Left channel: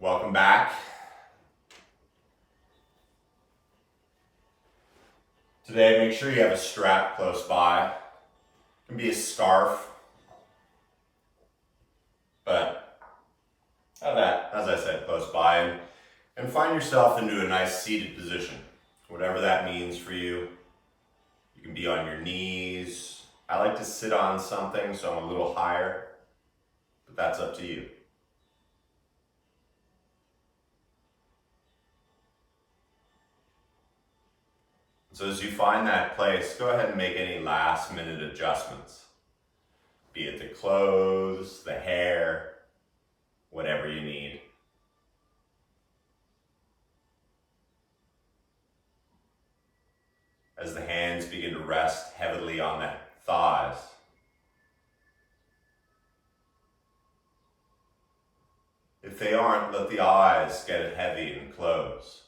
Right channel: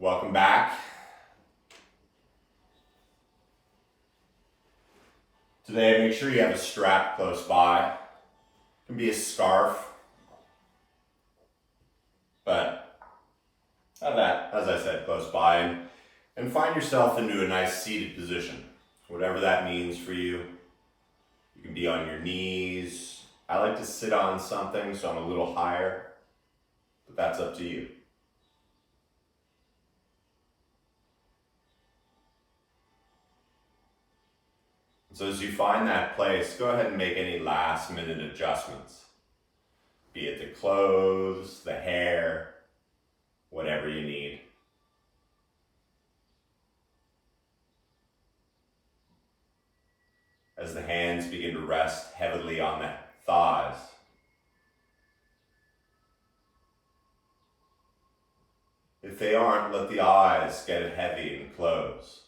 Welcome back. Today, make sure you have a strap close by. It can be a scarf, but have that, as I said, close by and find yourself into a nice seated position. Whatever that means for you. You can be on your knees. I like to sit on something, so I'm a little higher, but that's up to you. So as you find that place, go ahead and make any last minute adjustments. Be it the clothes, the hair, whatever you need. As the hands begin to rest heavily on the thighs. If they aren't, let the eyes get heavy and close.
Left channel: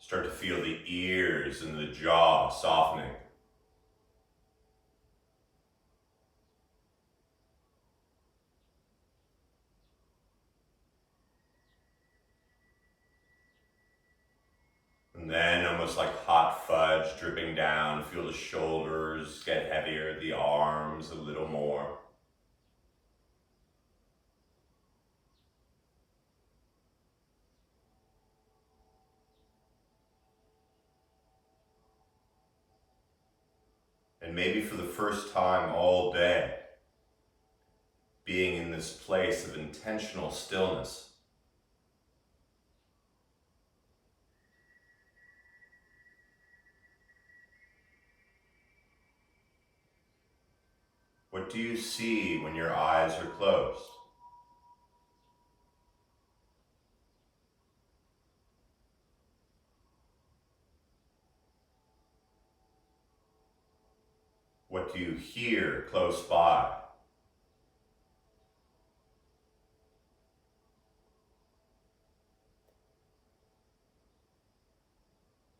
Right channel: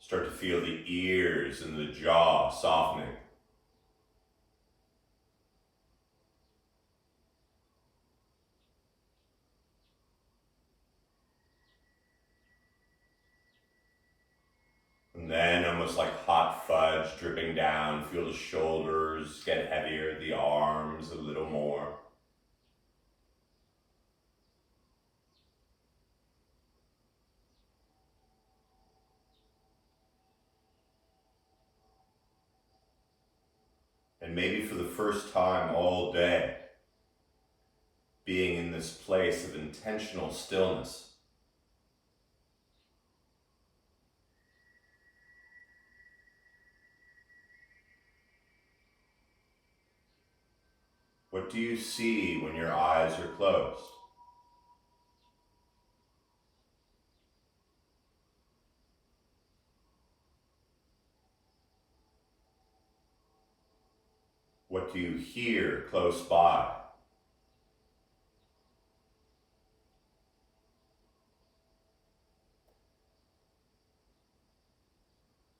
Start to feel the ears and the jaw softening. And then, almost like hot fudge dripping down, feel the shoulders get heavier, the arms a little more. And maybe for the first time all day, being in this place of intentional stillness. What do you see when your eyes are closed? What do you hear close by?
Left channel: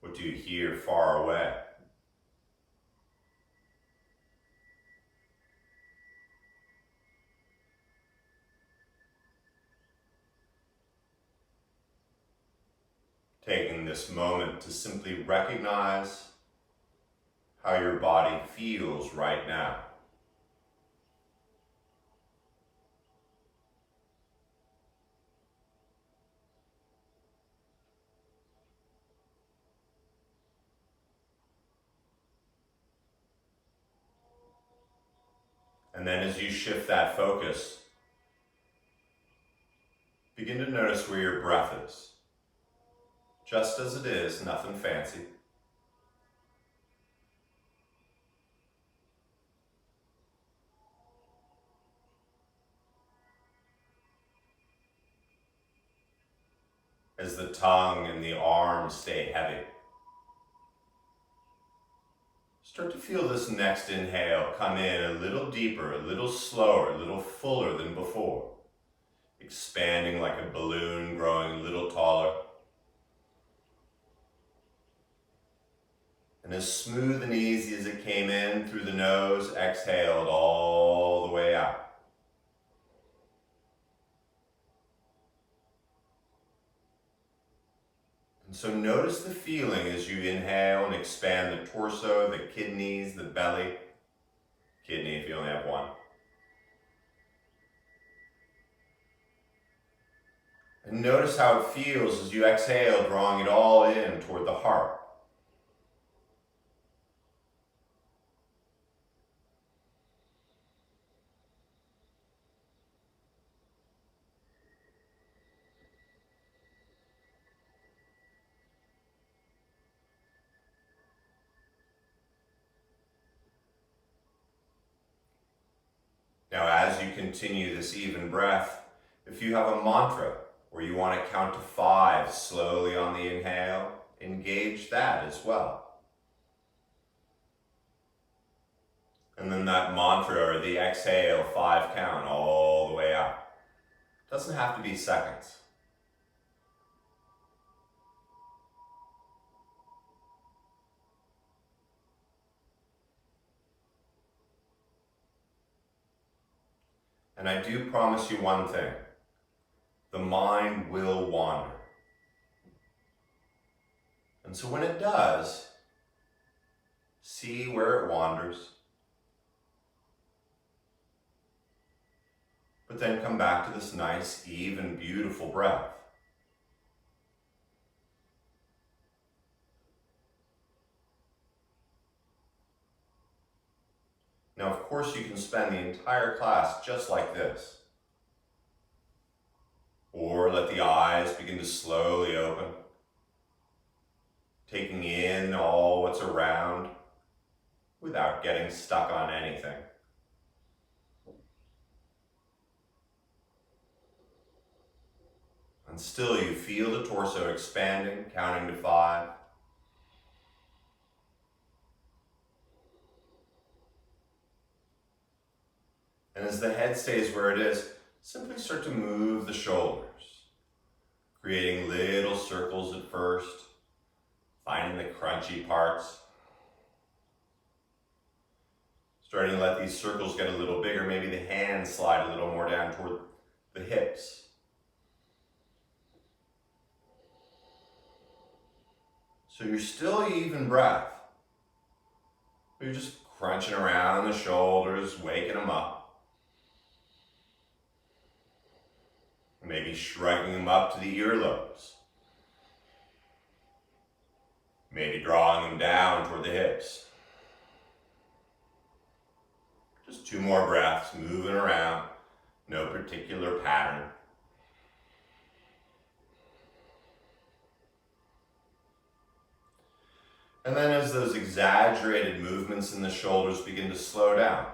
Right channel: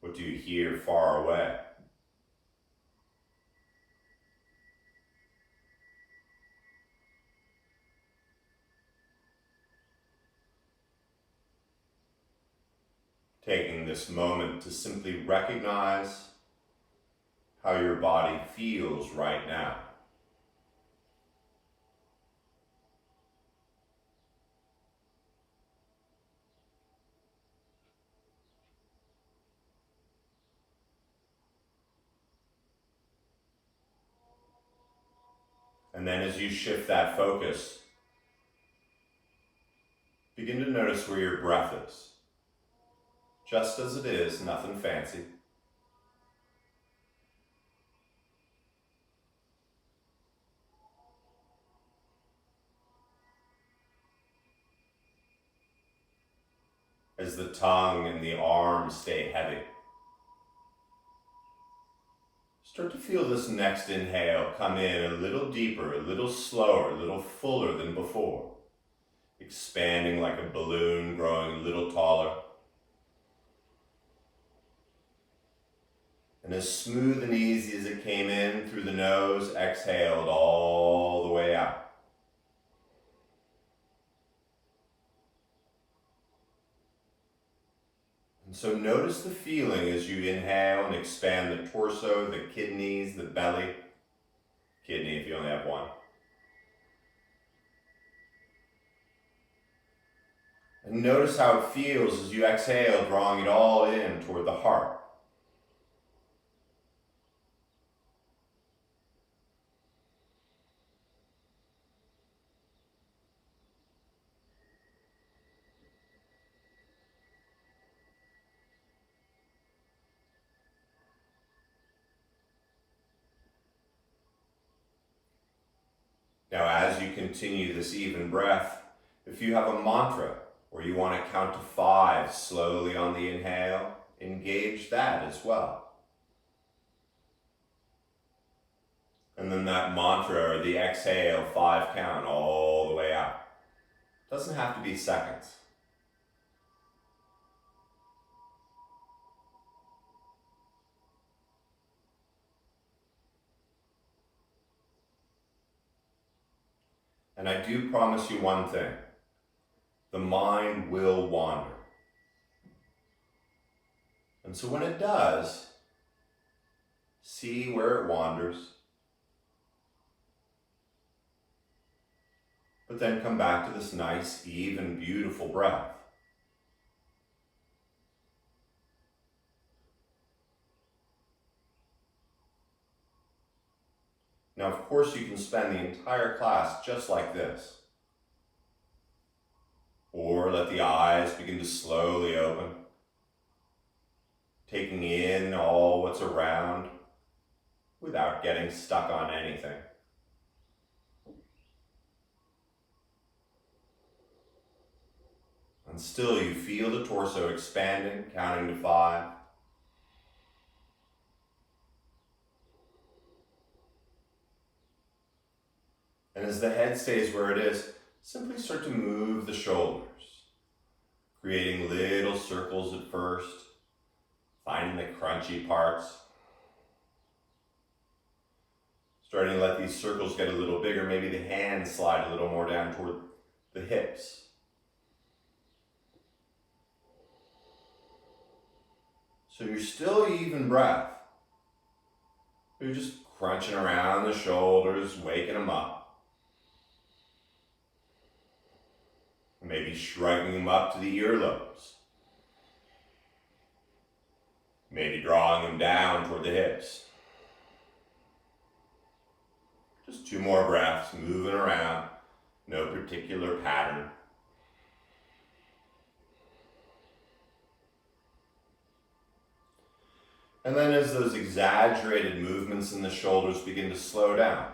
What do you hear far away? Taking this moment to simply recognize how your body feels right now. And then as you shift that focus, begin to notice where your breath is. Just as it is, nothing fancy. As the tongue and the arms stay heavy. Start to feel this next inhale come in a little deeper, a little slower, a little fuller than before. Expanding like a balloon, growing a little taller. And as smooth and easy as it came in through the nose, exhaled all the way out. And so notice the feeling as you inhale and expand the torso, the kidneys, the belly. Kidney if you only have one. And notice how it feels as you exhale, drawing it all in toward the heart. Now, as you continue this even breath, if you have a mantra or you want to count to 5 slowly on the inhale, engage that as well. And then that mantra or the exhale 5 count all the way out. Doesn't have to be seconds. And I do promise you one thing, the mind will wander. And so when it does, see where it wanders, but then come back to this nice, even, beautiful breath. Now, of course, you can spend the entire class just like this. Or let the eyes begin to slowly open, taking in all what's around without getting stuck on anything. And still you feel the torso expanding, counting to 5. And as the head stays where it is, simply start to move the shoulders, creating little circles at first, finding the crunchy parts. Starting to let these circles get a little bigger, maybe the hands slide a little more down toward the hips. So you're still even breath, but you're just crunching around the shoulders, waking them up. Maybe shrugging them up to the earlobes. Maybe drawing them down toward the hips. Just 2 more breaths, moving around, no particular pattern. And then as those exaggerated movements in the shoulders begin to slow down,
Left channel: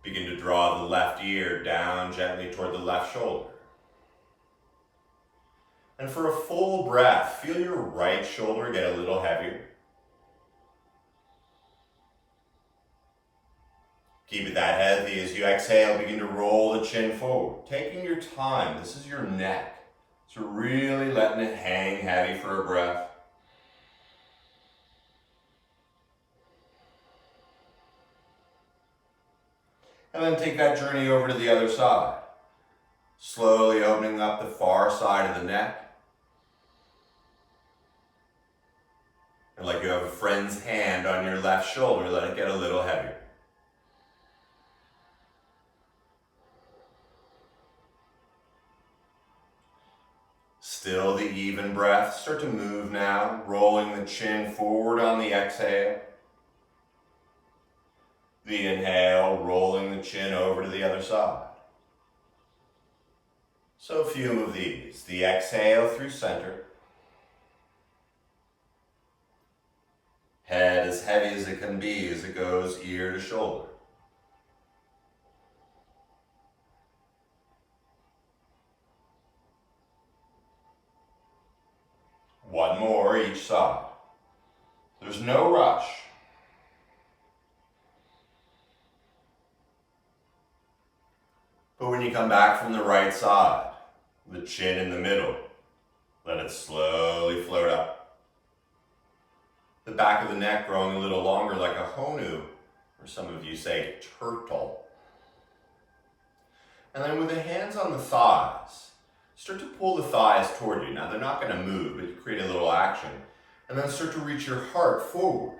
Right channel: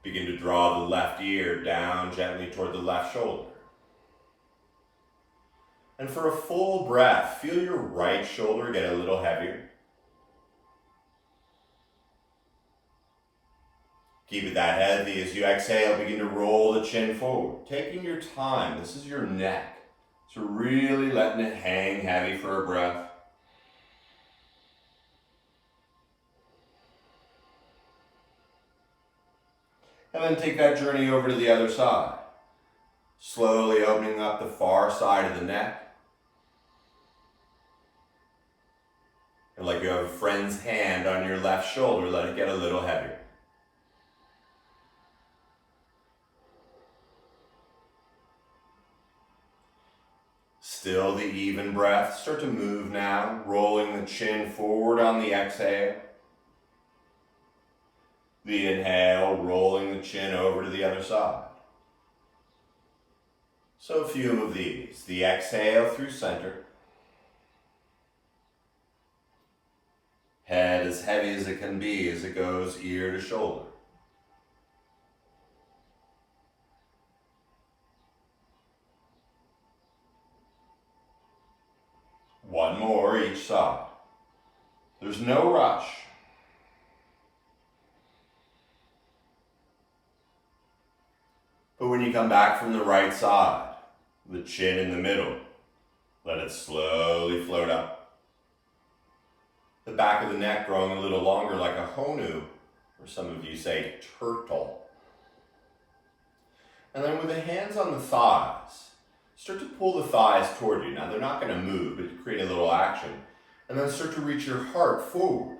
begin to draw the left ear down gently toward the left shoulder. And for a full breath, feel your right shoulder get a little heavier. Keep it that heavy. As you exhale, begin to roll the chin forward. Taking your time, this is your neck. So really letting it hang heavy for a breath. And then take that journey over to the other side. Slowly opening up the far side of the neck. And like you have a friend's hand on your left shoulder, let it get a little heavier. Still the even breath. Start to move now, rolling the chin forward on the exhale. The inhale, rolling the chin over to the other side. So a few of these. The exhale through center. Head as heavy as it can be as it goes ear to shoulder. One more each side. There's no rush. But when you come back from the right side, the chin in the middle, let it slowly float up. The back of the neck growing a little longer like a honu, or some of you say turtle. And then with the hands on the thighs, start to pull the thighs toward you. Now they're not going to move, but you create a little action. And then start to reach your heart forward.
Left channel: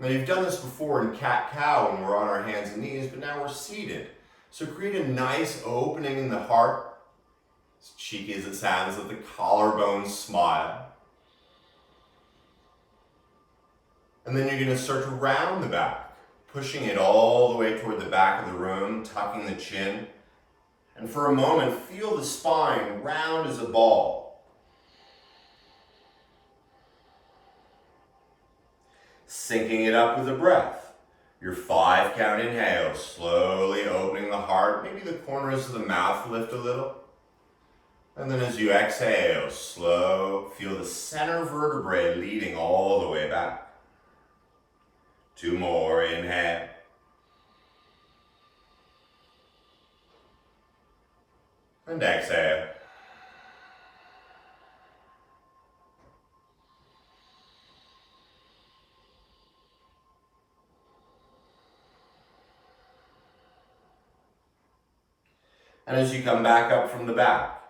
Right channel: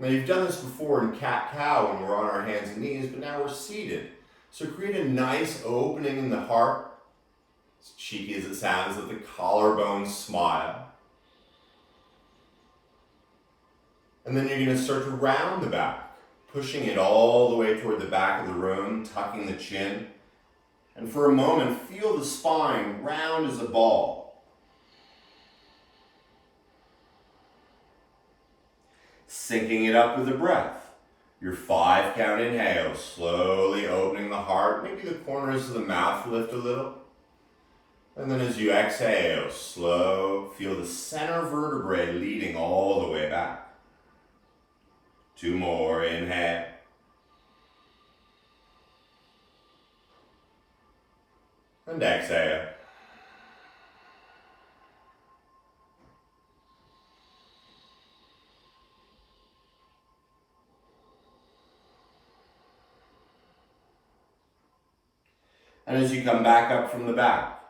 Now you've done this before in cat-cow when we're on our hands and knees, but now we're seated. So create a nice opening in the heart. As cheeky as it sounds, let the collarbone smile. And then you're going to start to round the back, pushing it all the way toward the back of the room, tucking the chin. And for a moment, feel the spine round as a ball. Syncing it up with the breath. Your 5 count inhale, slowly opening the heart. Maybe the corners of the mouth lift a little. And then as you exhale, slow, feel the center vertebrae leading all the way back. 2 more, inhale. And exhale. And as you come back up from the back,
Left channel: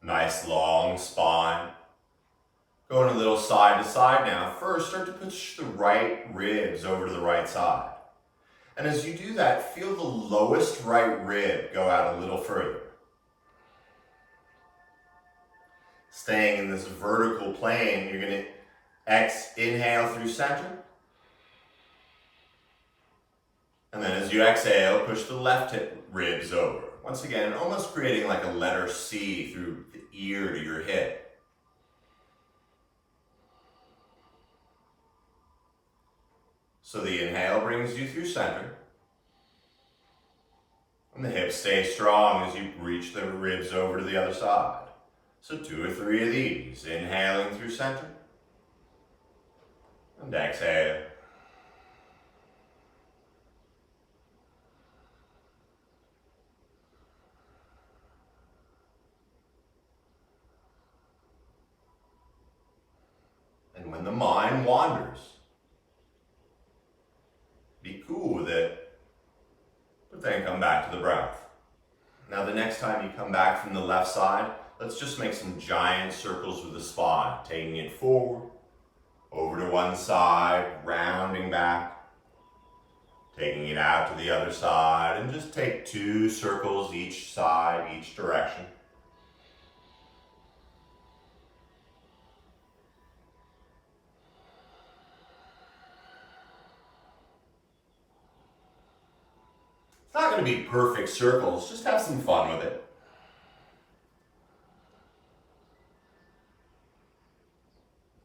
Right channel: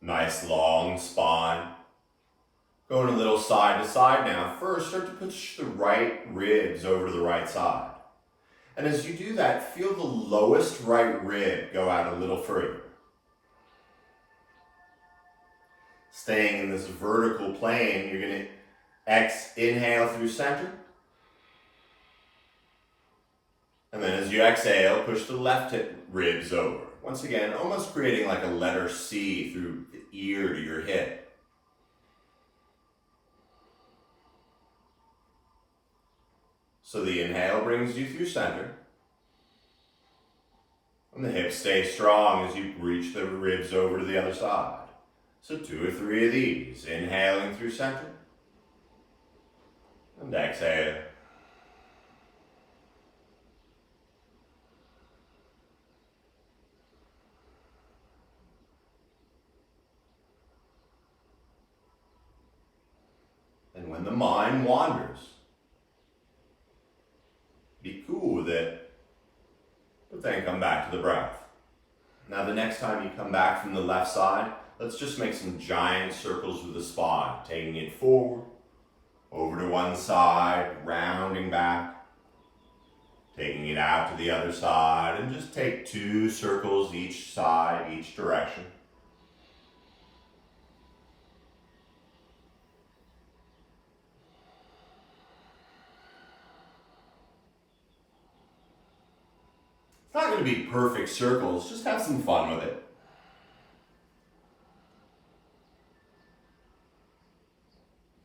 nice long spine. Going a little side to side now. First, start to push the right ribs over to the right side. And as you do that, feel the lowest right rib go out a little further. Staying in this vertical plane, you're going to inhale through center. And then as you exhale, push the left hip ribs over. Once again, almost creating like a letter C through the ear to your hip. So the inhale brings you through center. And the hips stay strong as you reach the ribs over to the other side. So 2 or 3 of these. Inhaling through center. And exhale. And when the mind wanders, be cool with it, but then come back to the breath. Now the next time you come back from the left side, let's just make some giant circles with the spine, taking it forward, over to one side, rounding back, taking it out to the other side, and just take 2 circles each side, each direction. It's not going to be perfect circles, just have some fun with it.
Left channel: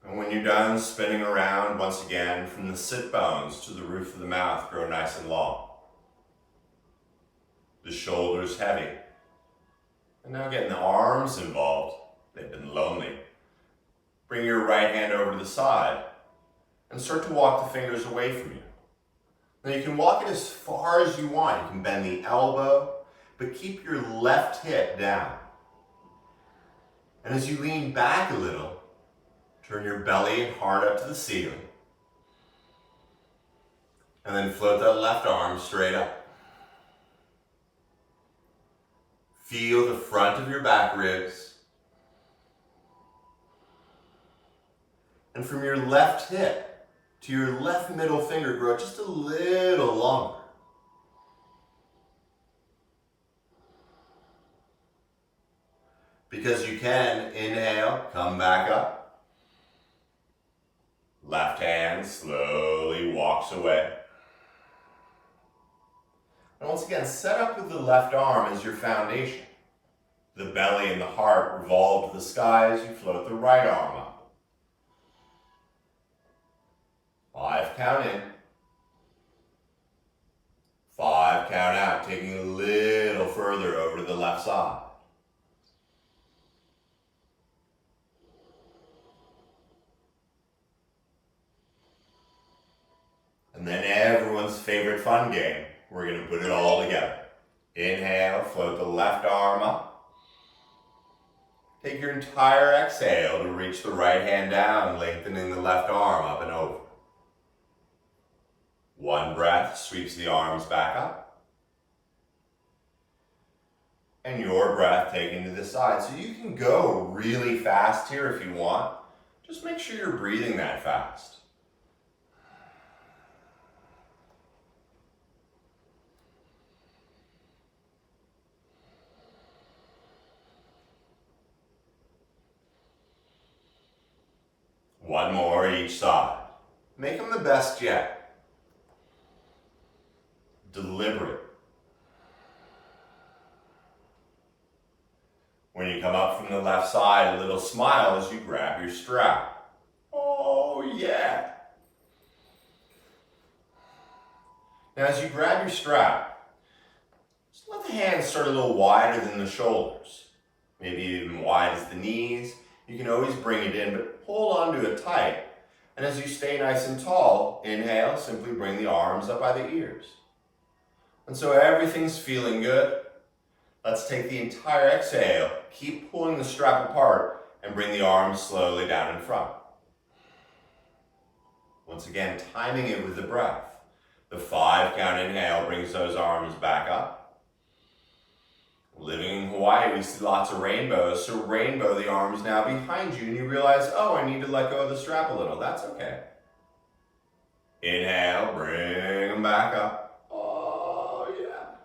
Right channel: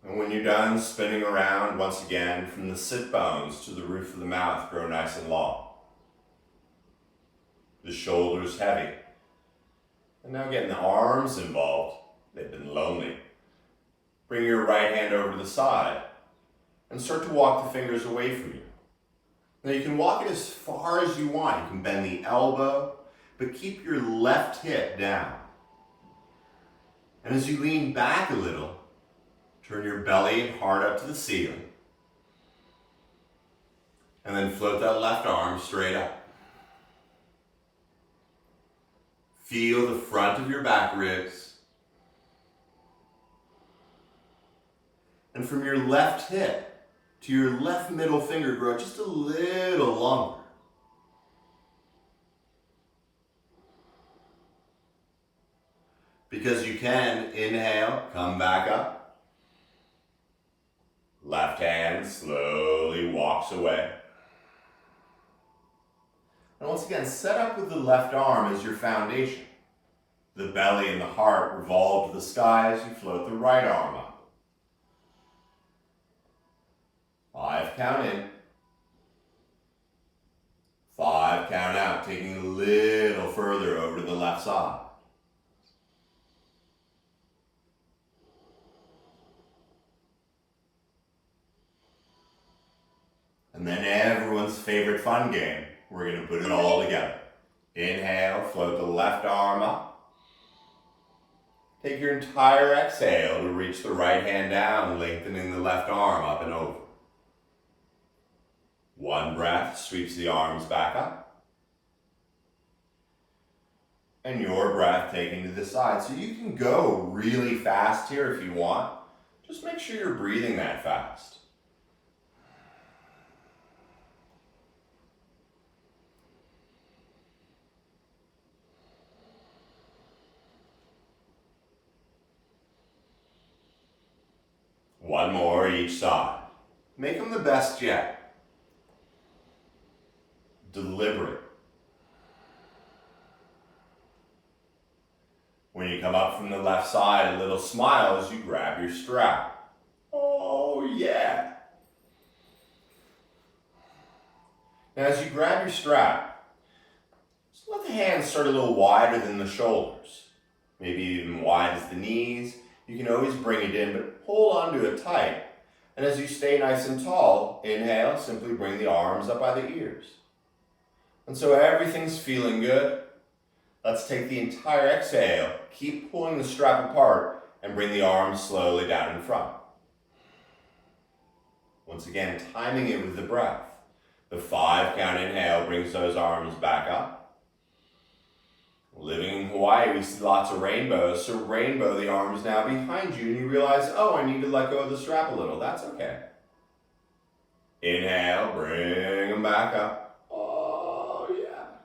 And when you're done spinning around, once again, from the sit bones to the roof of the mouth, grow nice and long. The shoulders heavy. And now getting the arms involved. They've been lonely. Bring your right hand over to the side and start to walk the fingers away from you. Now you can walk it as far as you want. You can bend the elbow, but keep your left hip down. And as you lean back a little, turn your belly and heart up to the ceiling. And then float that left arm straight up. Feel the front of your back ribs. And from your left hip to your left middle finger, grow just a little longer. Because you can, inhale, come back up. Left hand slowly walks away. And once again, set up with the left arm as your foundation. The belly and the heart revolve to the sky as you float the right arm up. 5 count in. 5 count out, taking a little further over to the left side. And then everyone's favorite fun game. We're going to put it all together. Inhale, float the left arm up. Take your entire exhale to reach the right hand down, lengthening the left arm up and over. One breath sweeps the arms back up. And your breath taken to the side. So you can go really fast here if you want. Just make sure you're breathing that fast. One more each side. Make them the best yet. Deliberate. When you come up from the left side, a little smile as you grab your strap. Oh yeah. Now as you grab your strap, just let the hands start a little wider than the shoulders. Maybe even wide as the knees. You can always bring it in, but hold on to it tight. And as you stay nice and tall, inhale, simply bring the arms up by the ears. And so everything's feeling good. Let's take the entire exhale, keep pulling the strap apart, and bring the arms slowly down in front. Once again, timing it with the breath. The 5 count inhale brings those arms back up. Living in Hawaii, we see lots of rainbows. So rainbow, the arm is now behind you and you realize, oh, I need to let go of the strap a little. That's okay. Inhale, bring them back up. Oh, yeah.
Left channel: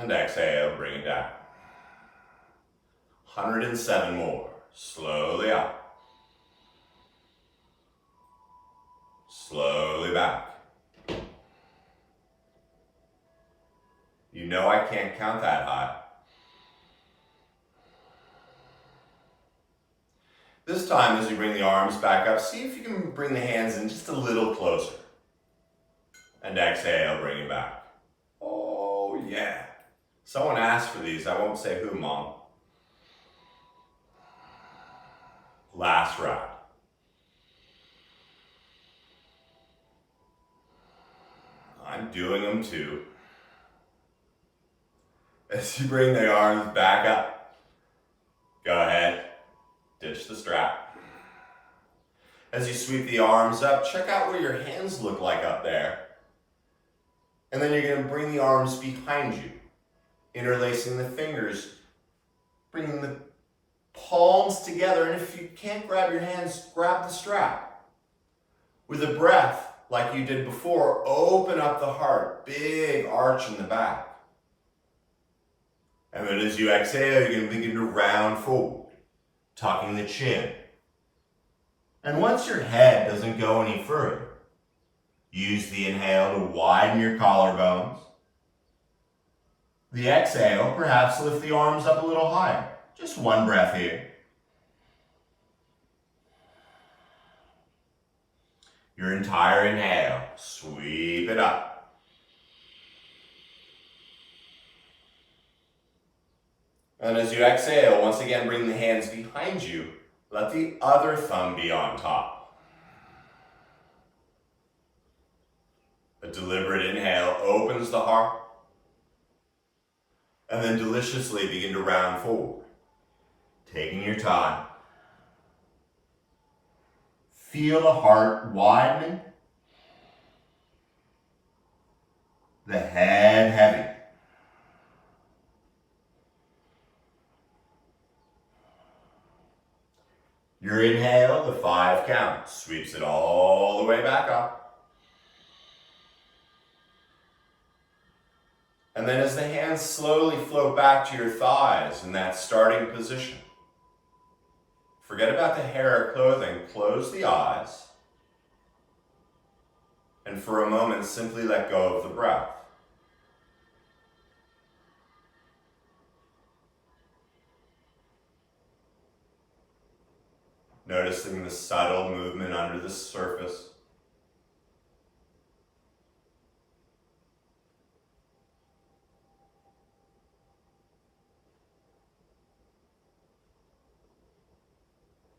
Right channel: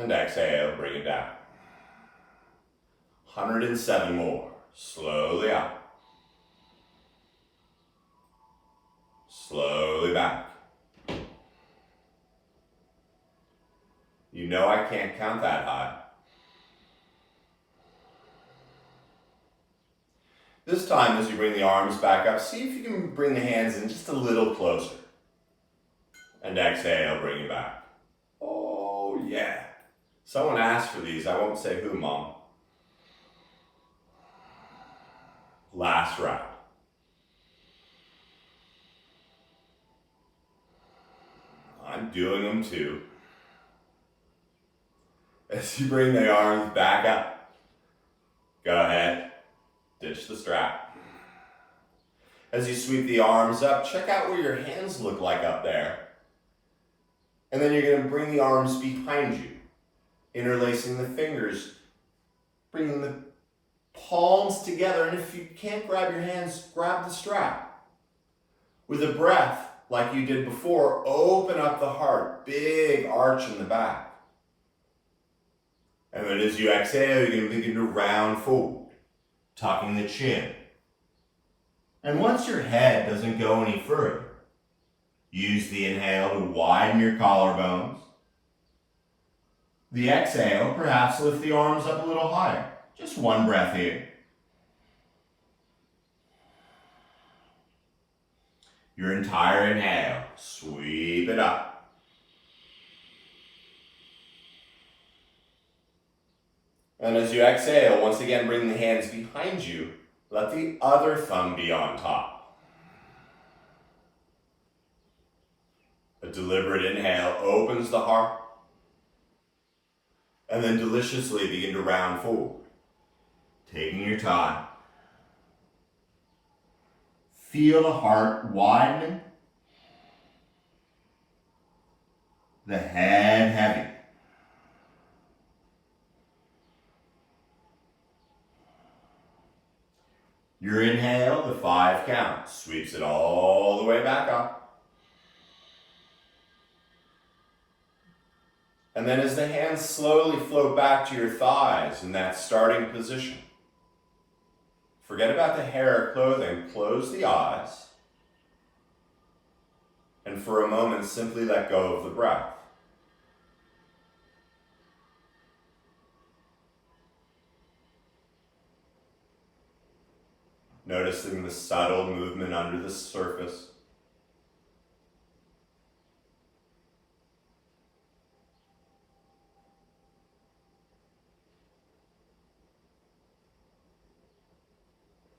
And exhale, bring it down. 107 more. Slowly up. Slowly back. You know I can't count that high. This time, as you bring the arms back up, see if you can bring the hands in just a little closer. And exhale, bring it back. Oh, yeah. Someone asked for these. I won't say who, Mom. Last round. I'm doing them too. As you bring the arms back up, go ahead, ditch the strap. As you sweep the arms up, check out where your hands look like up there. And then you're going to bring the arms behind you, interlacing the fingers, bringing the palms together. And if you can't grab your hands, grab the strap. With a breath, like you did before, open up the heart, big arch in the back. And then as you exhale, you're going to begin to round forward, tucking the chin. And once your head doesn't go any further, use the inhale to widen your collarbones. The exhale, perhaps lift the arms up a little higher. Just one breath here. Your entire inhale, sweep it up. And as you exhale, once again, bring the hands behind you. Let the other thumb be on top. A deliberate inhale opens the heart. And then deliciously begin to round forward, taking your time. Feel the heart widening. The head heavy. Your inhale, the 5 count, sweeps it all the way back up. And then as the hands slowly float back to your thighs in that starting position, forget about the hair or clothing, close the eyes, and for a moment simply let go of the breath. Noticing the subtle movement under the surface.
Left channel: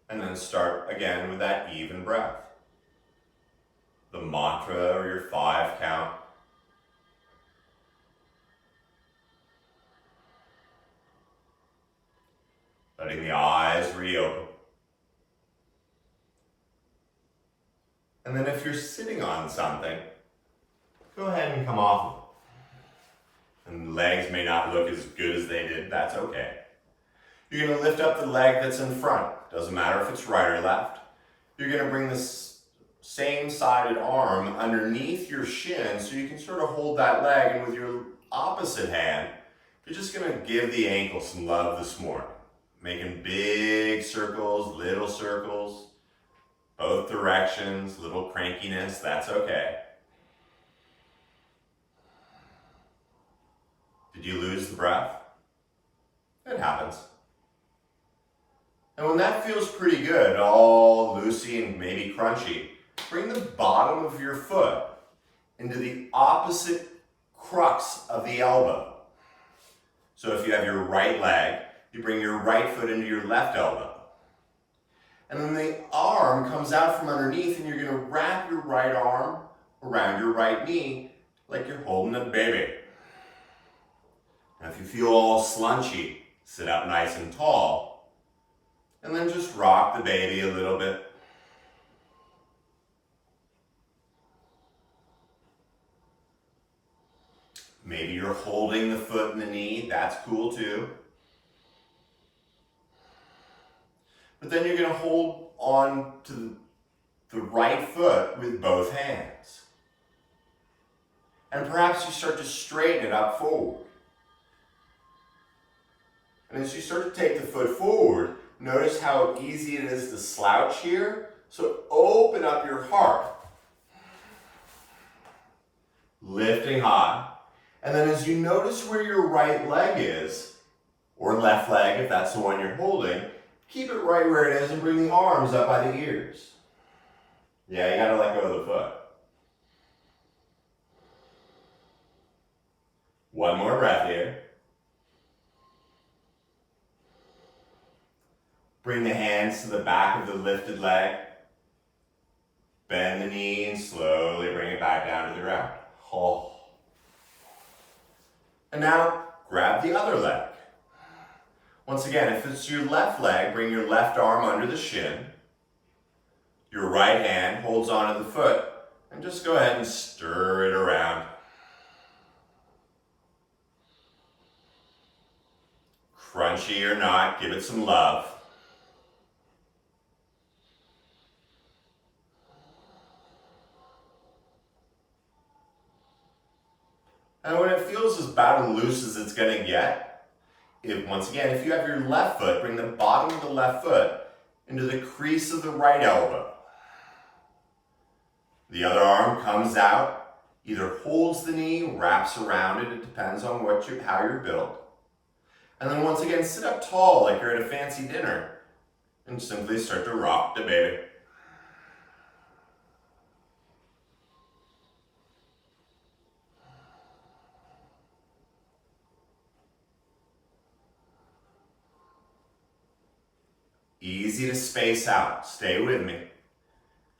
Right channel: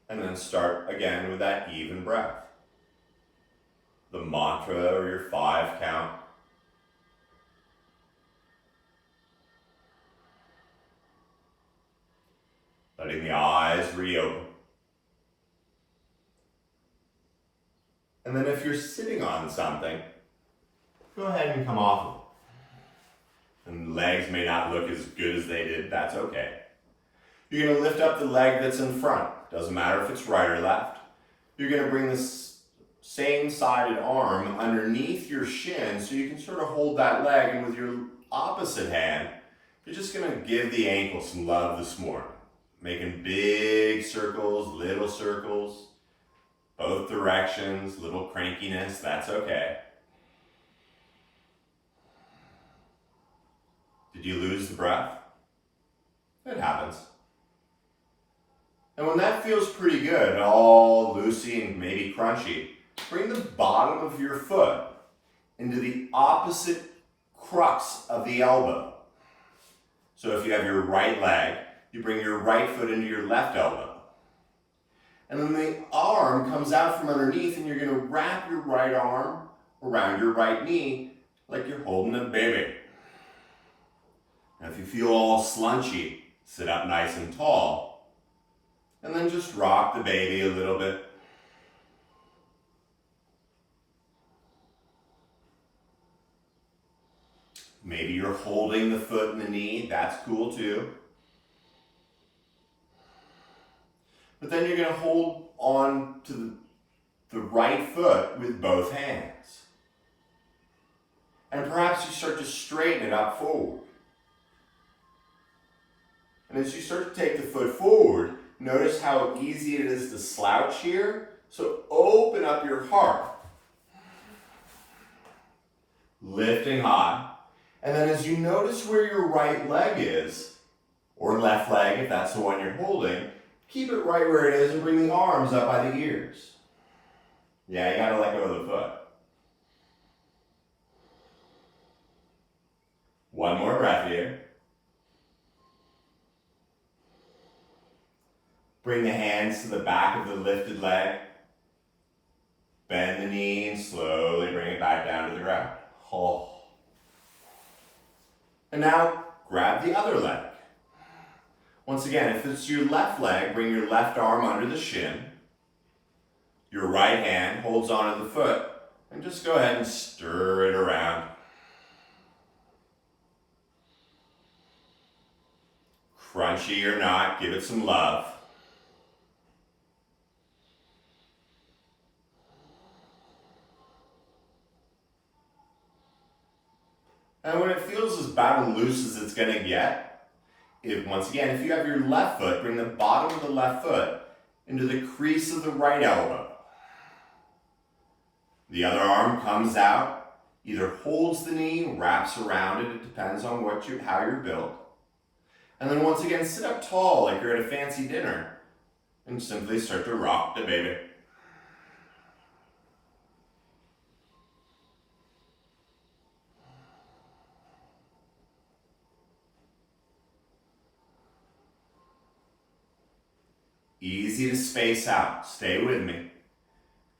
And then start again with that even breath. The mantra or your 5 count. Letting the eyes reopen. And then if you're sitting on something, go ahead and come off of it. And the legs may not look as good as they did, that's okay. You're going to lift up the leg that's in front. Doesn't matter if it's right or left. You're going to bring this same-sided arm underneath your shin so you can sort of hold that leg, and with your opposite hand, you're just going to give the ankle some love this morning. Making big circles, little circles, both directions, little crankiness, that's okay. Did you lose the breath? It happens. And when that feels pretty good, all loosey and maybe crunchy, bring the bottom of your foot into the opposite crux of the elbow. So if you have your right leg, you bring your right foot into your left elbow. And then the arm comes out from underneath, and you're going to wrap your right arm around your right knee like you're holding a baby. Now if you feel all slunchy, sit up nice and tall, and then just rock the baby a little bit. Maybe you're holding the foot and the knee, that's cool too. But then you're going to hold on to the right foot with both hands. And perhaps you start to straighten it up forward. And as you start to take the foot forward, notice how easy it is to slouch here. So open up your heart. Lifting high. And then as you notice where your right leg is, or left leg if that's the one you're holding, keep it right where it is and bring the arms up by the ears. Yeah, you gotta let go of the foot. One more breath here. Bring the hands to the back of the lifted leg. Bend the knee and slowly bring it back down to the ground. Oh. And now grab the other leg. Once again, if it's your left leg, bring your left arm under the shin. Your right hand holds onto the foot and just go ahead and stir it around. Crunchy or not, give it some love. And when it feels as about as loose as it's going to get, once again, if you have your left foot, bring the bottom of the left foot into the crease of the right elbow. The other arm comes out, either holds the knee, wraps around it, it depends on how you're built. And then once again, sit up tall like you're at a fancy dinner and simply start to rock the baby. Easy to space out, stay with me.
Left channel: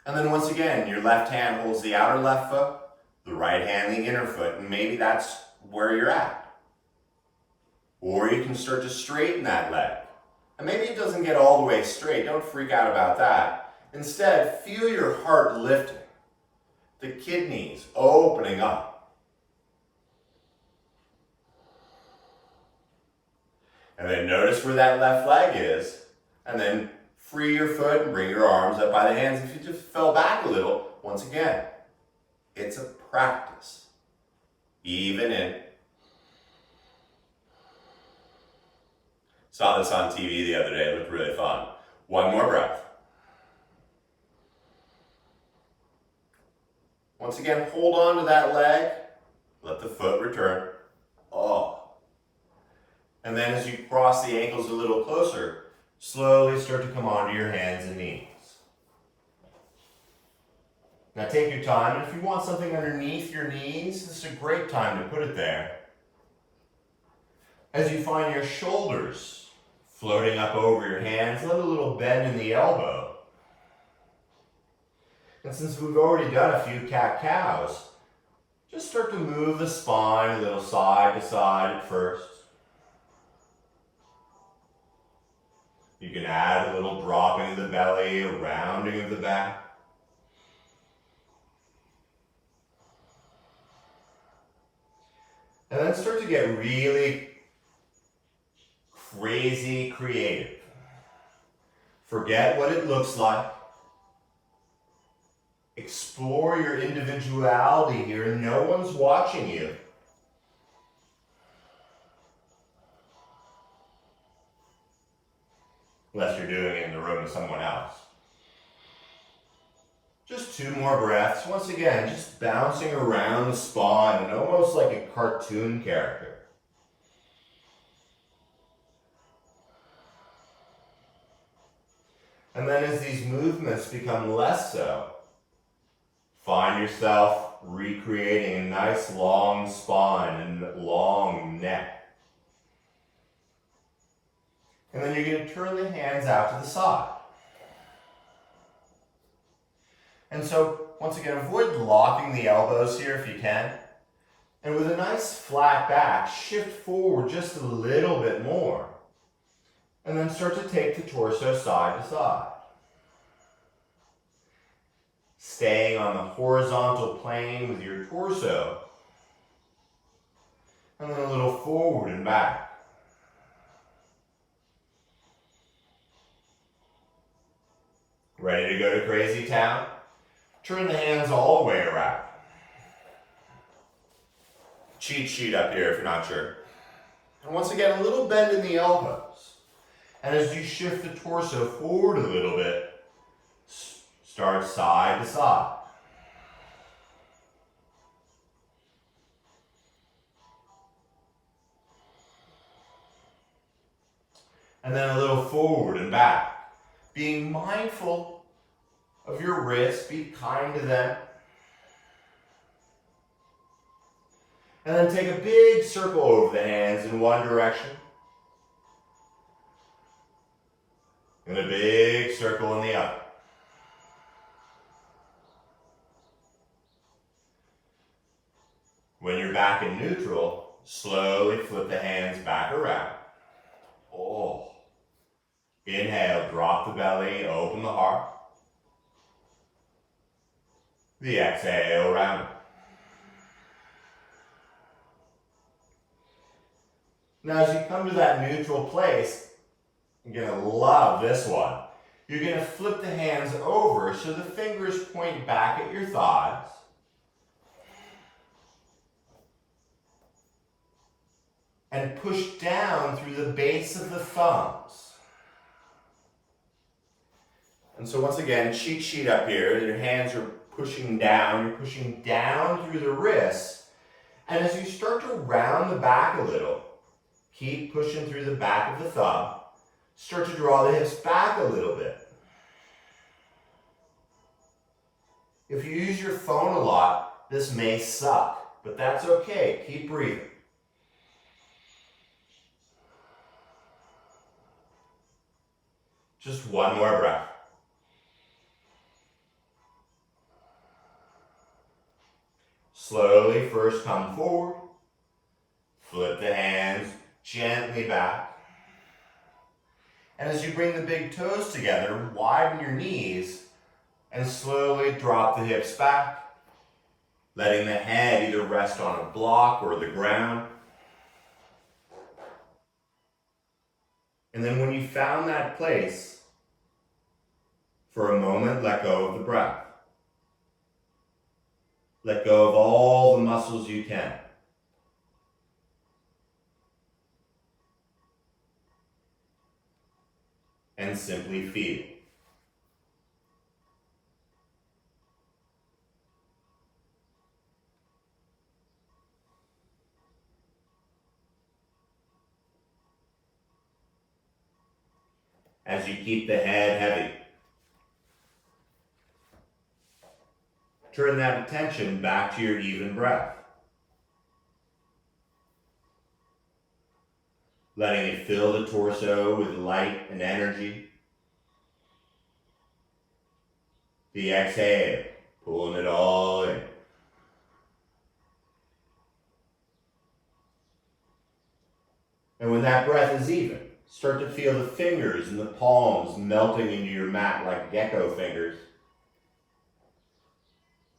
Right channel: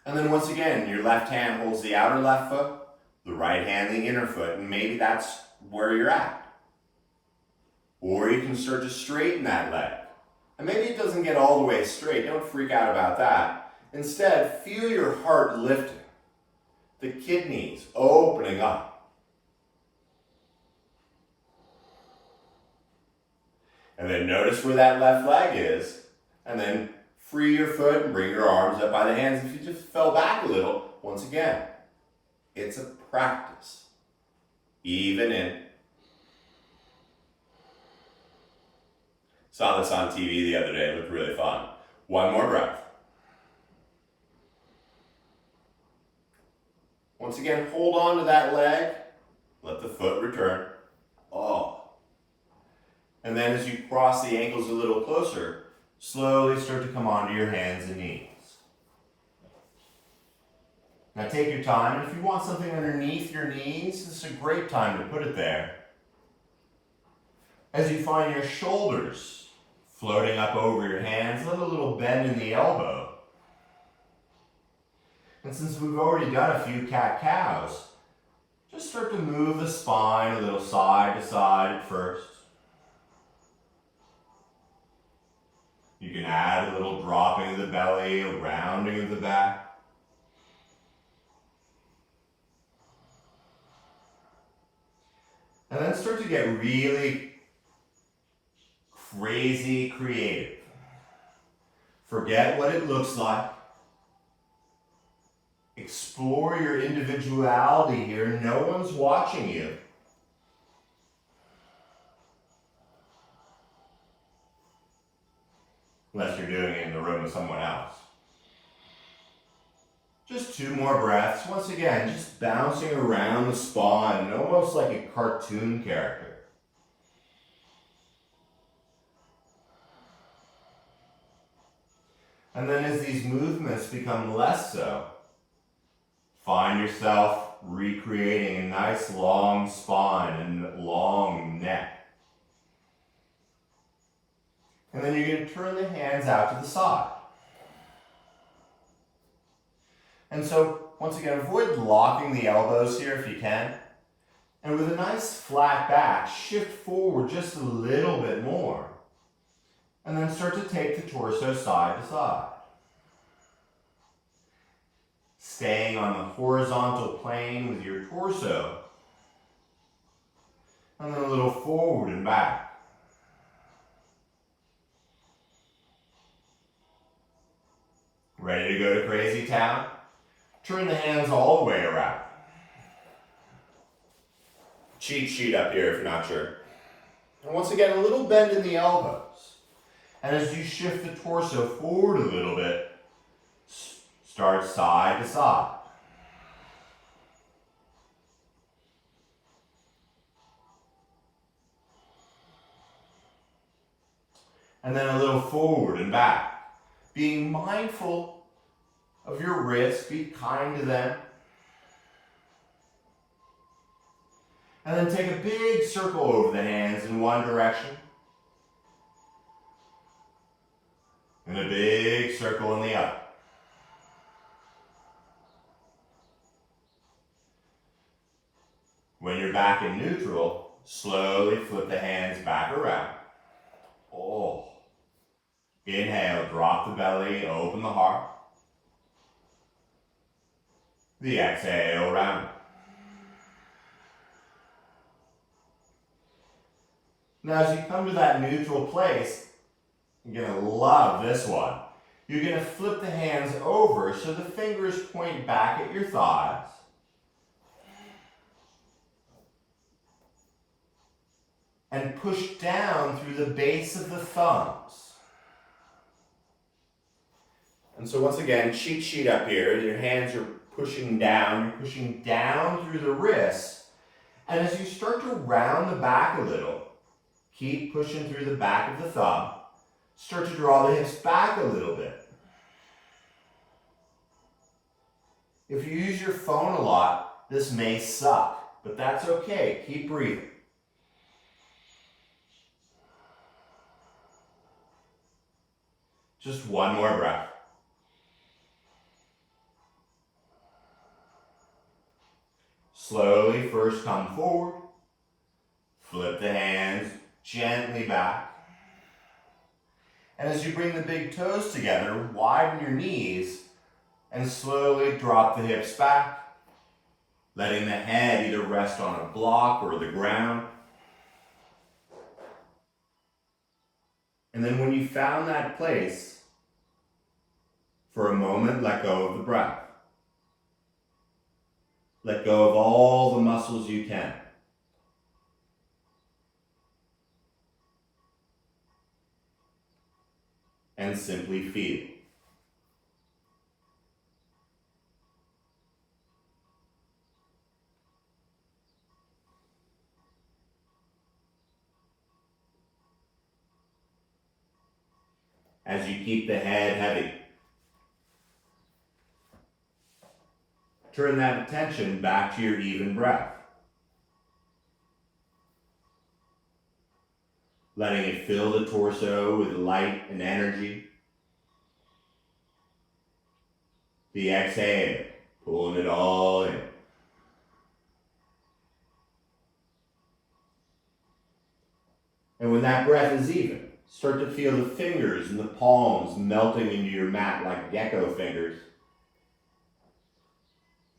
And then once again, your left hand holds the outer left foot, the right hand the inner foot, and maybe that's where you're at. Or you can start to straighten that leg. And maybe it doesn't get all the way straight, don't freak out about that. Instead, feel your heart lifting, the kidneys opening up. And then notice where that left leg is. And then free your foot and bring your arms up by the hands. If you just fell back a little, once again, it's a practice. Even in. Saw this on TV the other day, it looked really fun. One more breath. Once again, hold on to that leg. Let the foot return. Oh. And then as you cross the ankles a little closer, slowly start to come onto your hands and knees. Now take your time, and if you want something underneath your knees, this is a great time to put it there. As you find your shoulders floating up over your hands, let a little bend in the elbow. And since we've already done a few cat-cows, just start to move the spine a little side to side at first. You can add a little dropping of the belly, a rounding of the back. And then start to get really crazy creative. Forget what it looks like. Explore your individuality here. No one's watching you. Unless you're doing it in the room with someone else. Just 2 more breaths. Once again, just bouncing around the spine, almost like a cartoon character. And then as these movements become less so, find yourself recreating a nice long spine and long neck. And then you're going to turn the hands out to the side. And so, once again, avoid locking the elbows here if you can. And with a nice flat back, shift forward just a little bit more. And then start to take the torso side to side. Staying on the horizontal plane with your torso. And then a little forward and back. Ready to go to crazy town? Turn the hands all the way around. Cheat sheet up here if you're not sure. And once again, a little bend in the elbows. And as you shift the torso forward a little bit, start side to side. And then a little forward and back. Being mindful of your wrists, be kind to them. And then take a big circle over the hands in one direction. And a big circle in the other. When you're back in neutral, slowly flip the hands back around. Oh. Inhale, drop the belly, open the heart. The exhale, round. Now as you come to that neutral place, you're going to love this one. You're going to flip the hands over so the fingers point back at your thighs. And push down through the base of the thumbs. And so once again, cheat sheet up here, your hands are pushing down, you're pushing down through the wrists. And as you start to round the back a little, keep pushing through the back of the thumb, start to draw the hips back a little bit. If you use your phone a lot, this may suck, but that's okay, keep breathing. Just one more breath. Slowly first come forward. Flip the hands gently back. And as you bring the big toes together, widen your knees and slowly drop the hips back, letting the head either rest on a block or the ground. And then when you found that place, for a moment, let go of the breath. Let go of all the muscles you can. And simply feel. As you keep the head heavy, turn that attention back to your even breath. Letting it fill the torso with light and energy. The exhale, pulling it all in. And when that breath is even, start to feel the fingers and the palms melting into your mat like gecko fingers.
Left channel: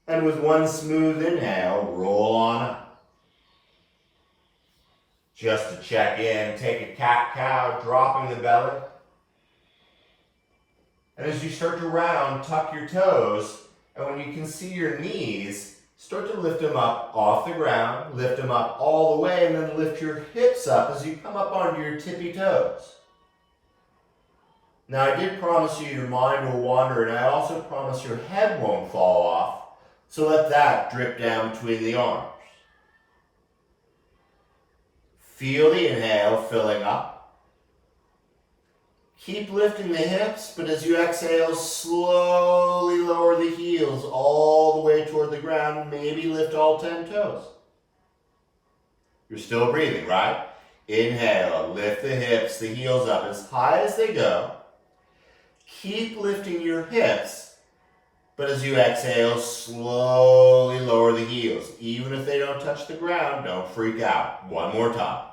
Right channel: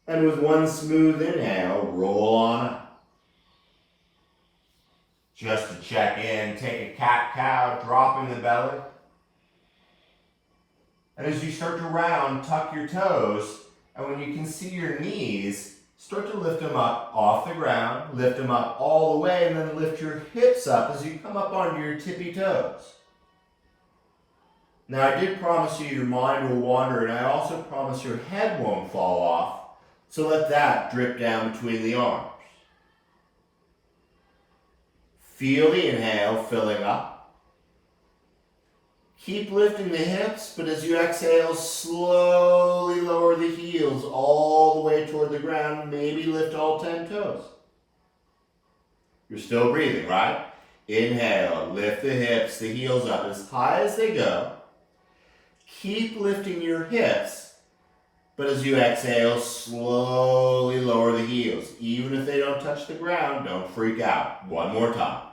And with one smooth inhale, roll on up. Just to check in, take a cat-cow, dropping the belly. And as you start to round, tuck your toes. And when you can see your knees, start to lift them up off the ground, lift them up all the way, and then lift your hips up as you come up onto your tippy toes. Now, I did promise you your mind will wander, and I also promise your head won't fall off. So let that drip down between the arms. Feel the inhale filling up. Keep lifting the hips, but as you exhale, slowly lower the heels all the way toward the ground. Maybe lift all 10 toes. You're still breathing, right? Inhale, lift the hips, the heels up as high as they go. Keep lifting your hips. But as you exhale, slowly lower the heels. Even if they don't touch the ground, don't freak out. One more time.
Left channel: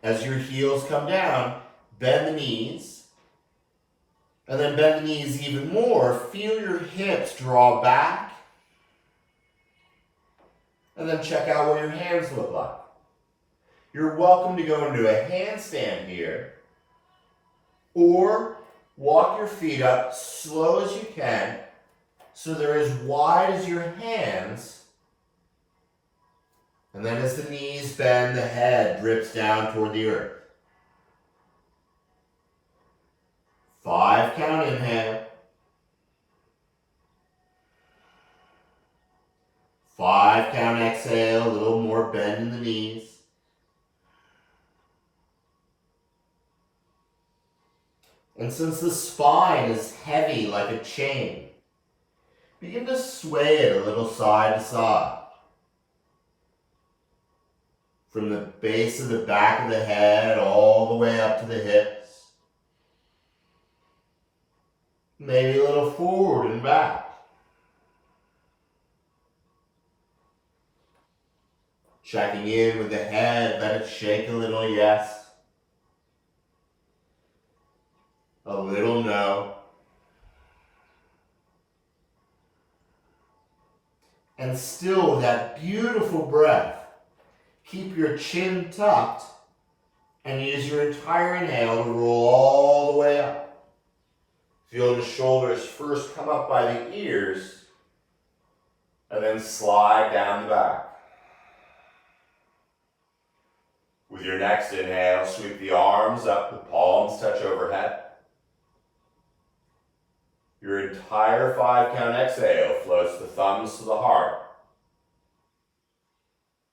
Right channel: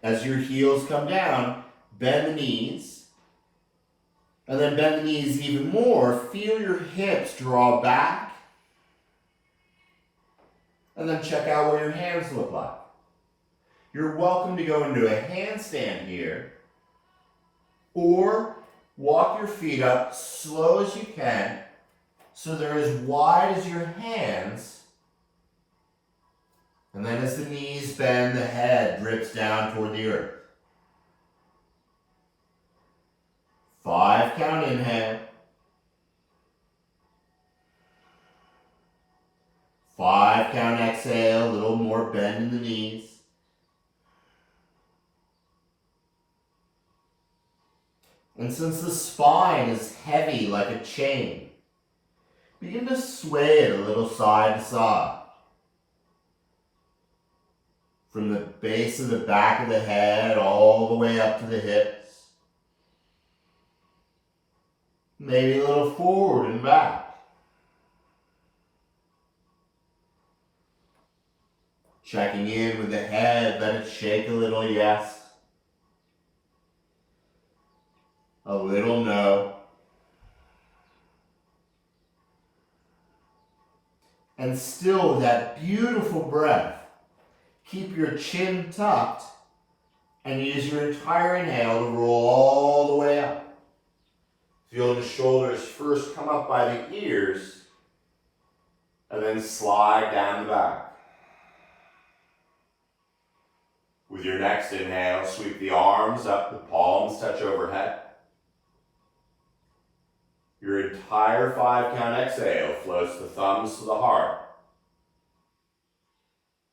As your heels come down, bend the knees. And then bend the knees even more. Feel your hips draw back. And then check out what your hands look like. You're welcome to go into a handstand here. Or walk your feet up slow as you can so they're as wide as your hands. And then as the knees bend, the head drips down toward the earth. 5 count inhale. 5 count exhale, a little more bend in the knees. And since the spine is heavy like a chain, begin to sway it a little side to side. From the base of the back of the head all the way up to the hips. Maybe a little forward and back. Checking in with the head, let it shake a little yes. A little no. And still with that beautiful breath, keep your chin tucked and use your entire inhale to roll all the way up. Feel the shoulders first come up by the ears and then slide down the back. With your next inhale, sweep the arms up, the palms touch overhead. Your entire 5 count exhale floats the thumbs to the heart.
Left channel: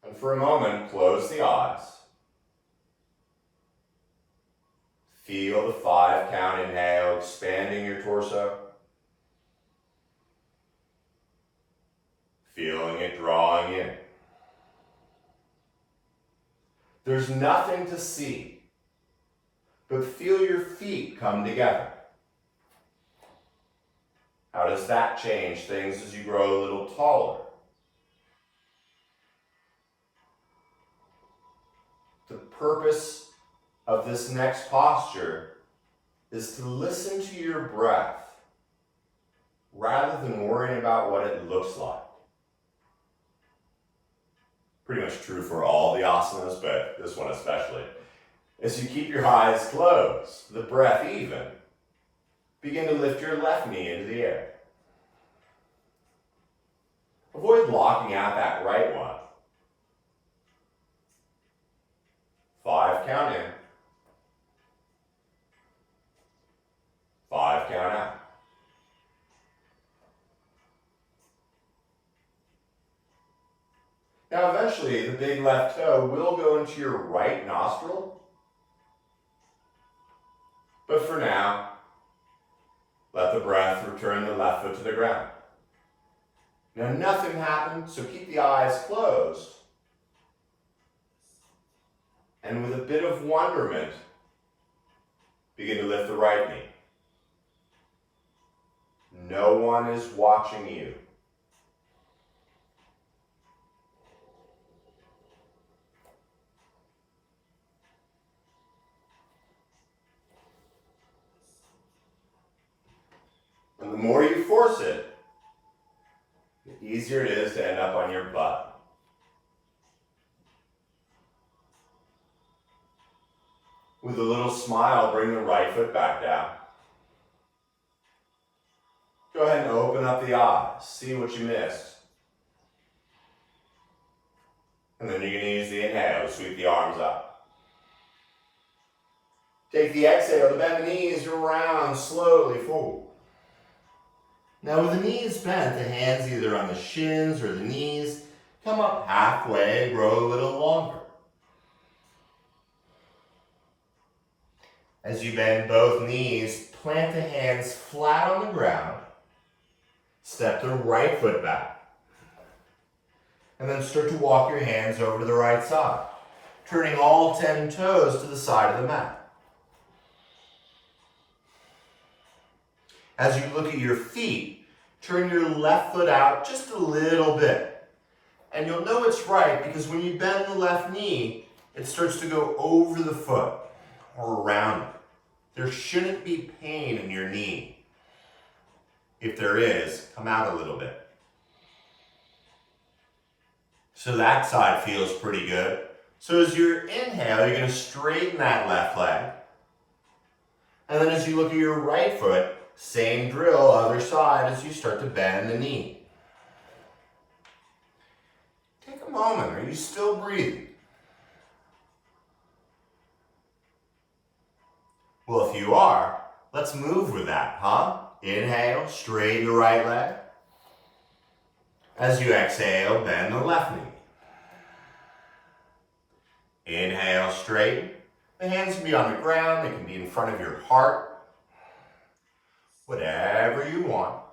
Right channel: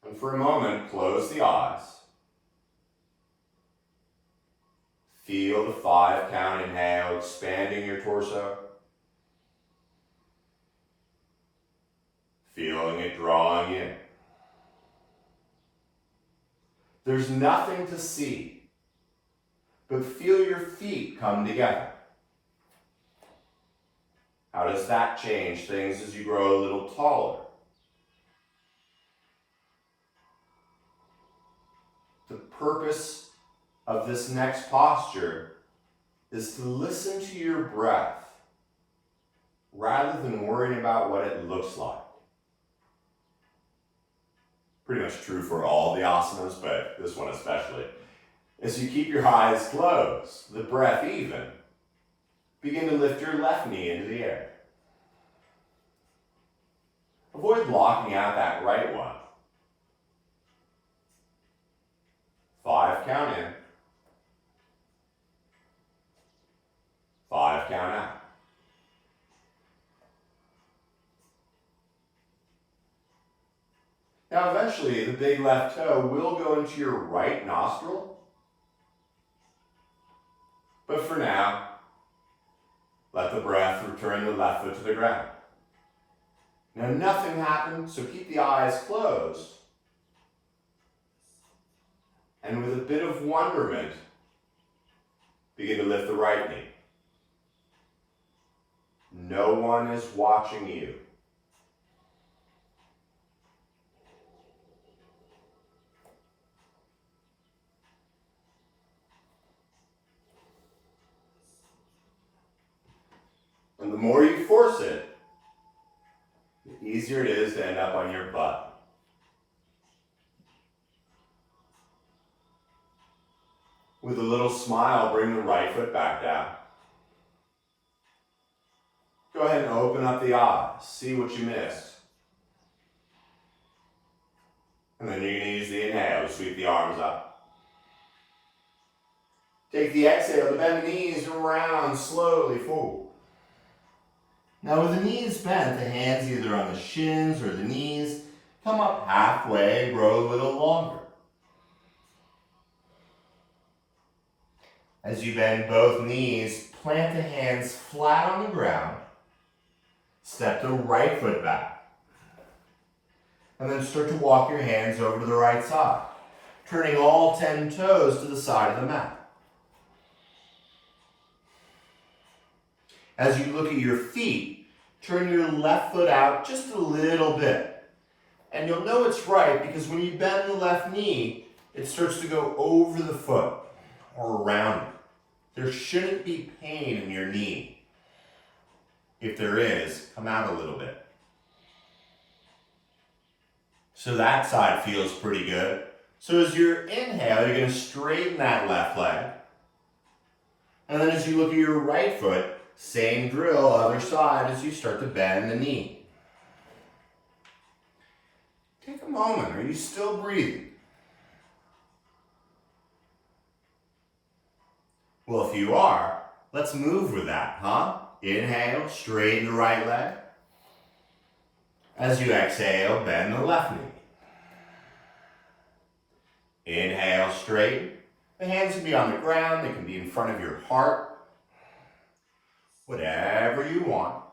And for a moment, close the eyes. Feel the 5 count inhale expanding your torso. Feeling it drawing in. There's nothing to see, but feel your feet come together. How does that change things as you grow a little taller? The purpose of this next posture is to listen to your breath rather than worrying about what it looks like. Pretty much true for all the asanas, but this one especially. As you keep your eyes closed, the breath even, begin to lift your left knee into the air. Avoid locking out that right one. 5 count in. 5 count out. Now eventually the big left toe will go into your right nostril. But for now, let the breath return the left foot to the ground. Now nothing happened, so keep the eyes closed. And with a bit of wonderment, begin to lift the right knee. No one is watching you. And the more you force it, the easier it is to end up on your butt. With a little smile, bring the right foot back down. Go ahead and open up the eyes. See what you missed. And then you're going to use the inhale to sweep the arms up. Take the exhale to bend the knees around slowly forward. Now with the knees bent, the hands either on the shins or the knees come up halfway and grow a little longer. As you bend both knees, plant the hands flat on the ground. Step the right foot back. And then start to walk your hands over to the right side, turning all 10 toes to the side of the mat. As you look at your feet, turn your left foot out just a little bit. And you'll know it's right because when you bend the left knee, it starts to go over the foot or around it. There shouldn't be pain in your knee. If there is, come out a little bit. So that side feels pretty good. So as you inhale, you're going to straighten that left leg. And then as you look at your right foot, same drill, other side, as you start to bend the knee. Take a moment. Are you still breathing? Well, if you are, let's move with that, huh? Inhale, straighten the right leg. As you exhale, bend the left knee. Inhale, straighten. The hands can be on the ground, they can be in front of your heart. Whatever you want.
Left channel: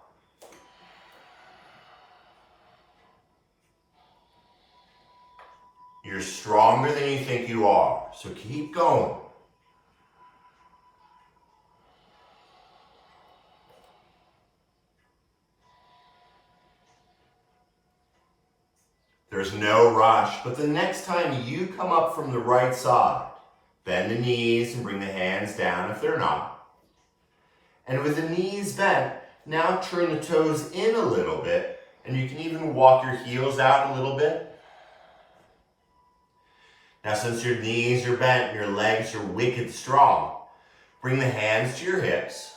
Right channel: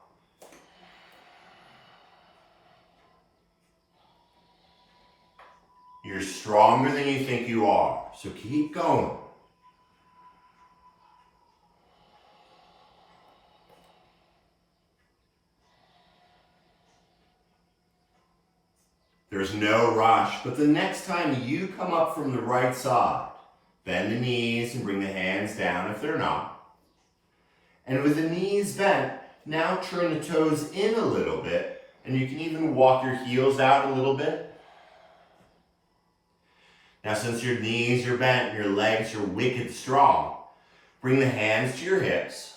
You're stronger than you think you are, so keep going. There's no rush, but the next time you come up from the right side, bend the knees and bring the hands down if they're not. And with the knees bent, now turn the toes in a little bit, and you can even walk your heels out a little bit. Now since your knees are bent and your legs are wicked strong, bring the hands to your hips.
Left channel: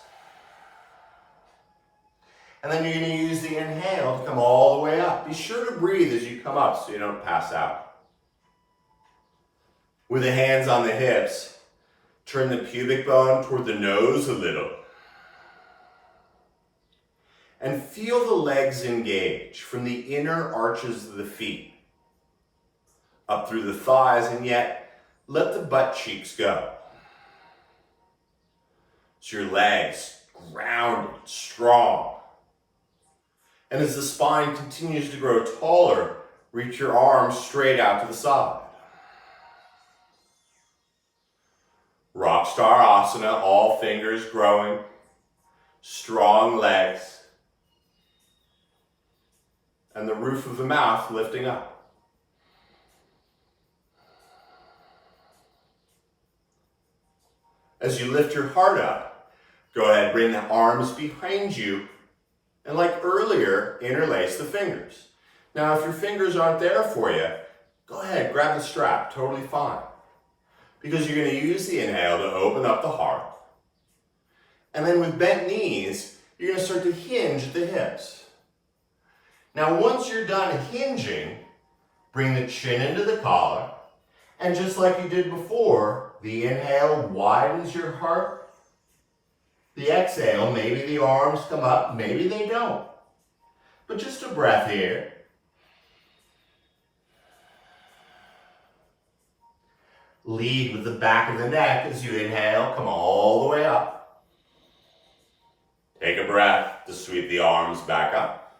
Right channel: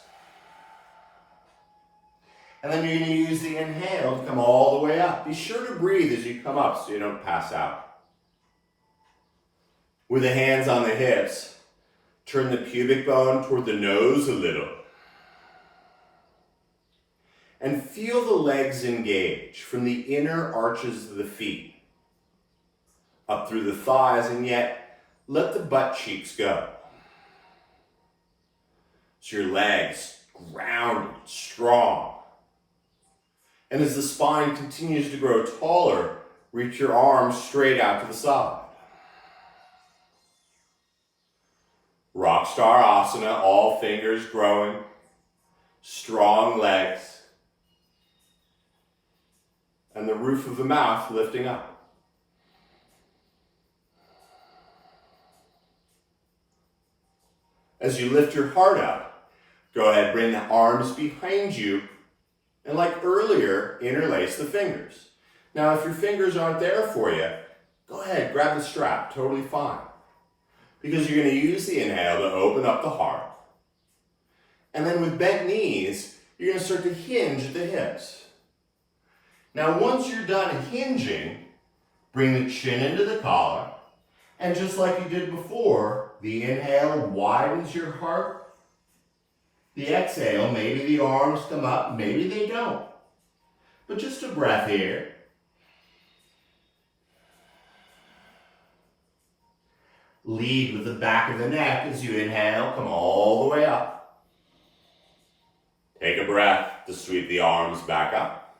And then you're going to use the inhale to come all the way up. Be sure to breathe as you come up so you don't pass out. With the hands on the hips, turn the pubic bone toward the nose a little. And feel the legs engage from the inner arches of the feet up through the thighs, and yet let the butt cheeks go. So your legs grounded, strong. And as the spine continues to grow taller, reach your arms straight out to the side. Rock Star Asana, all fingers growing, strong legs, and the roof of the mouth lifting up. As you lift your heart up, go ahead, bring the arms behind you, and like earlier, interlace the fingers. Now, if your fingers aren't there for you, go ahead, grab the strap, totally fine. Because you're going to use the inhale to open up the heart. And then with bent knees, you're going to start to hinge at the hips. Now, once you're done hinging, bring the chin into the collar. And just like you did before, the inhale widens your heart. The exhale, maybe the arms come up, maybe they don't. But just a breath here. Lead with the back of the neck as you inhale, come all the way up. Take a breath to sweep the arms back up.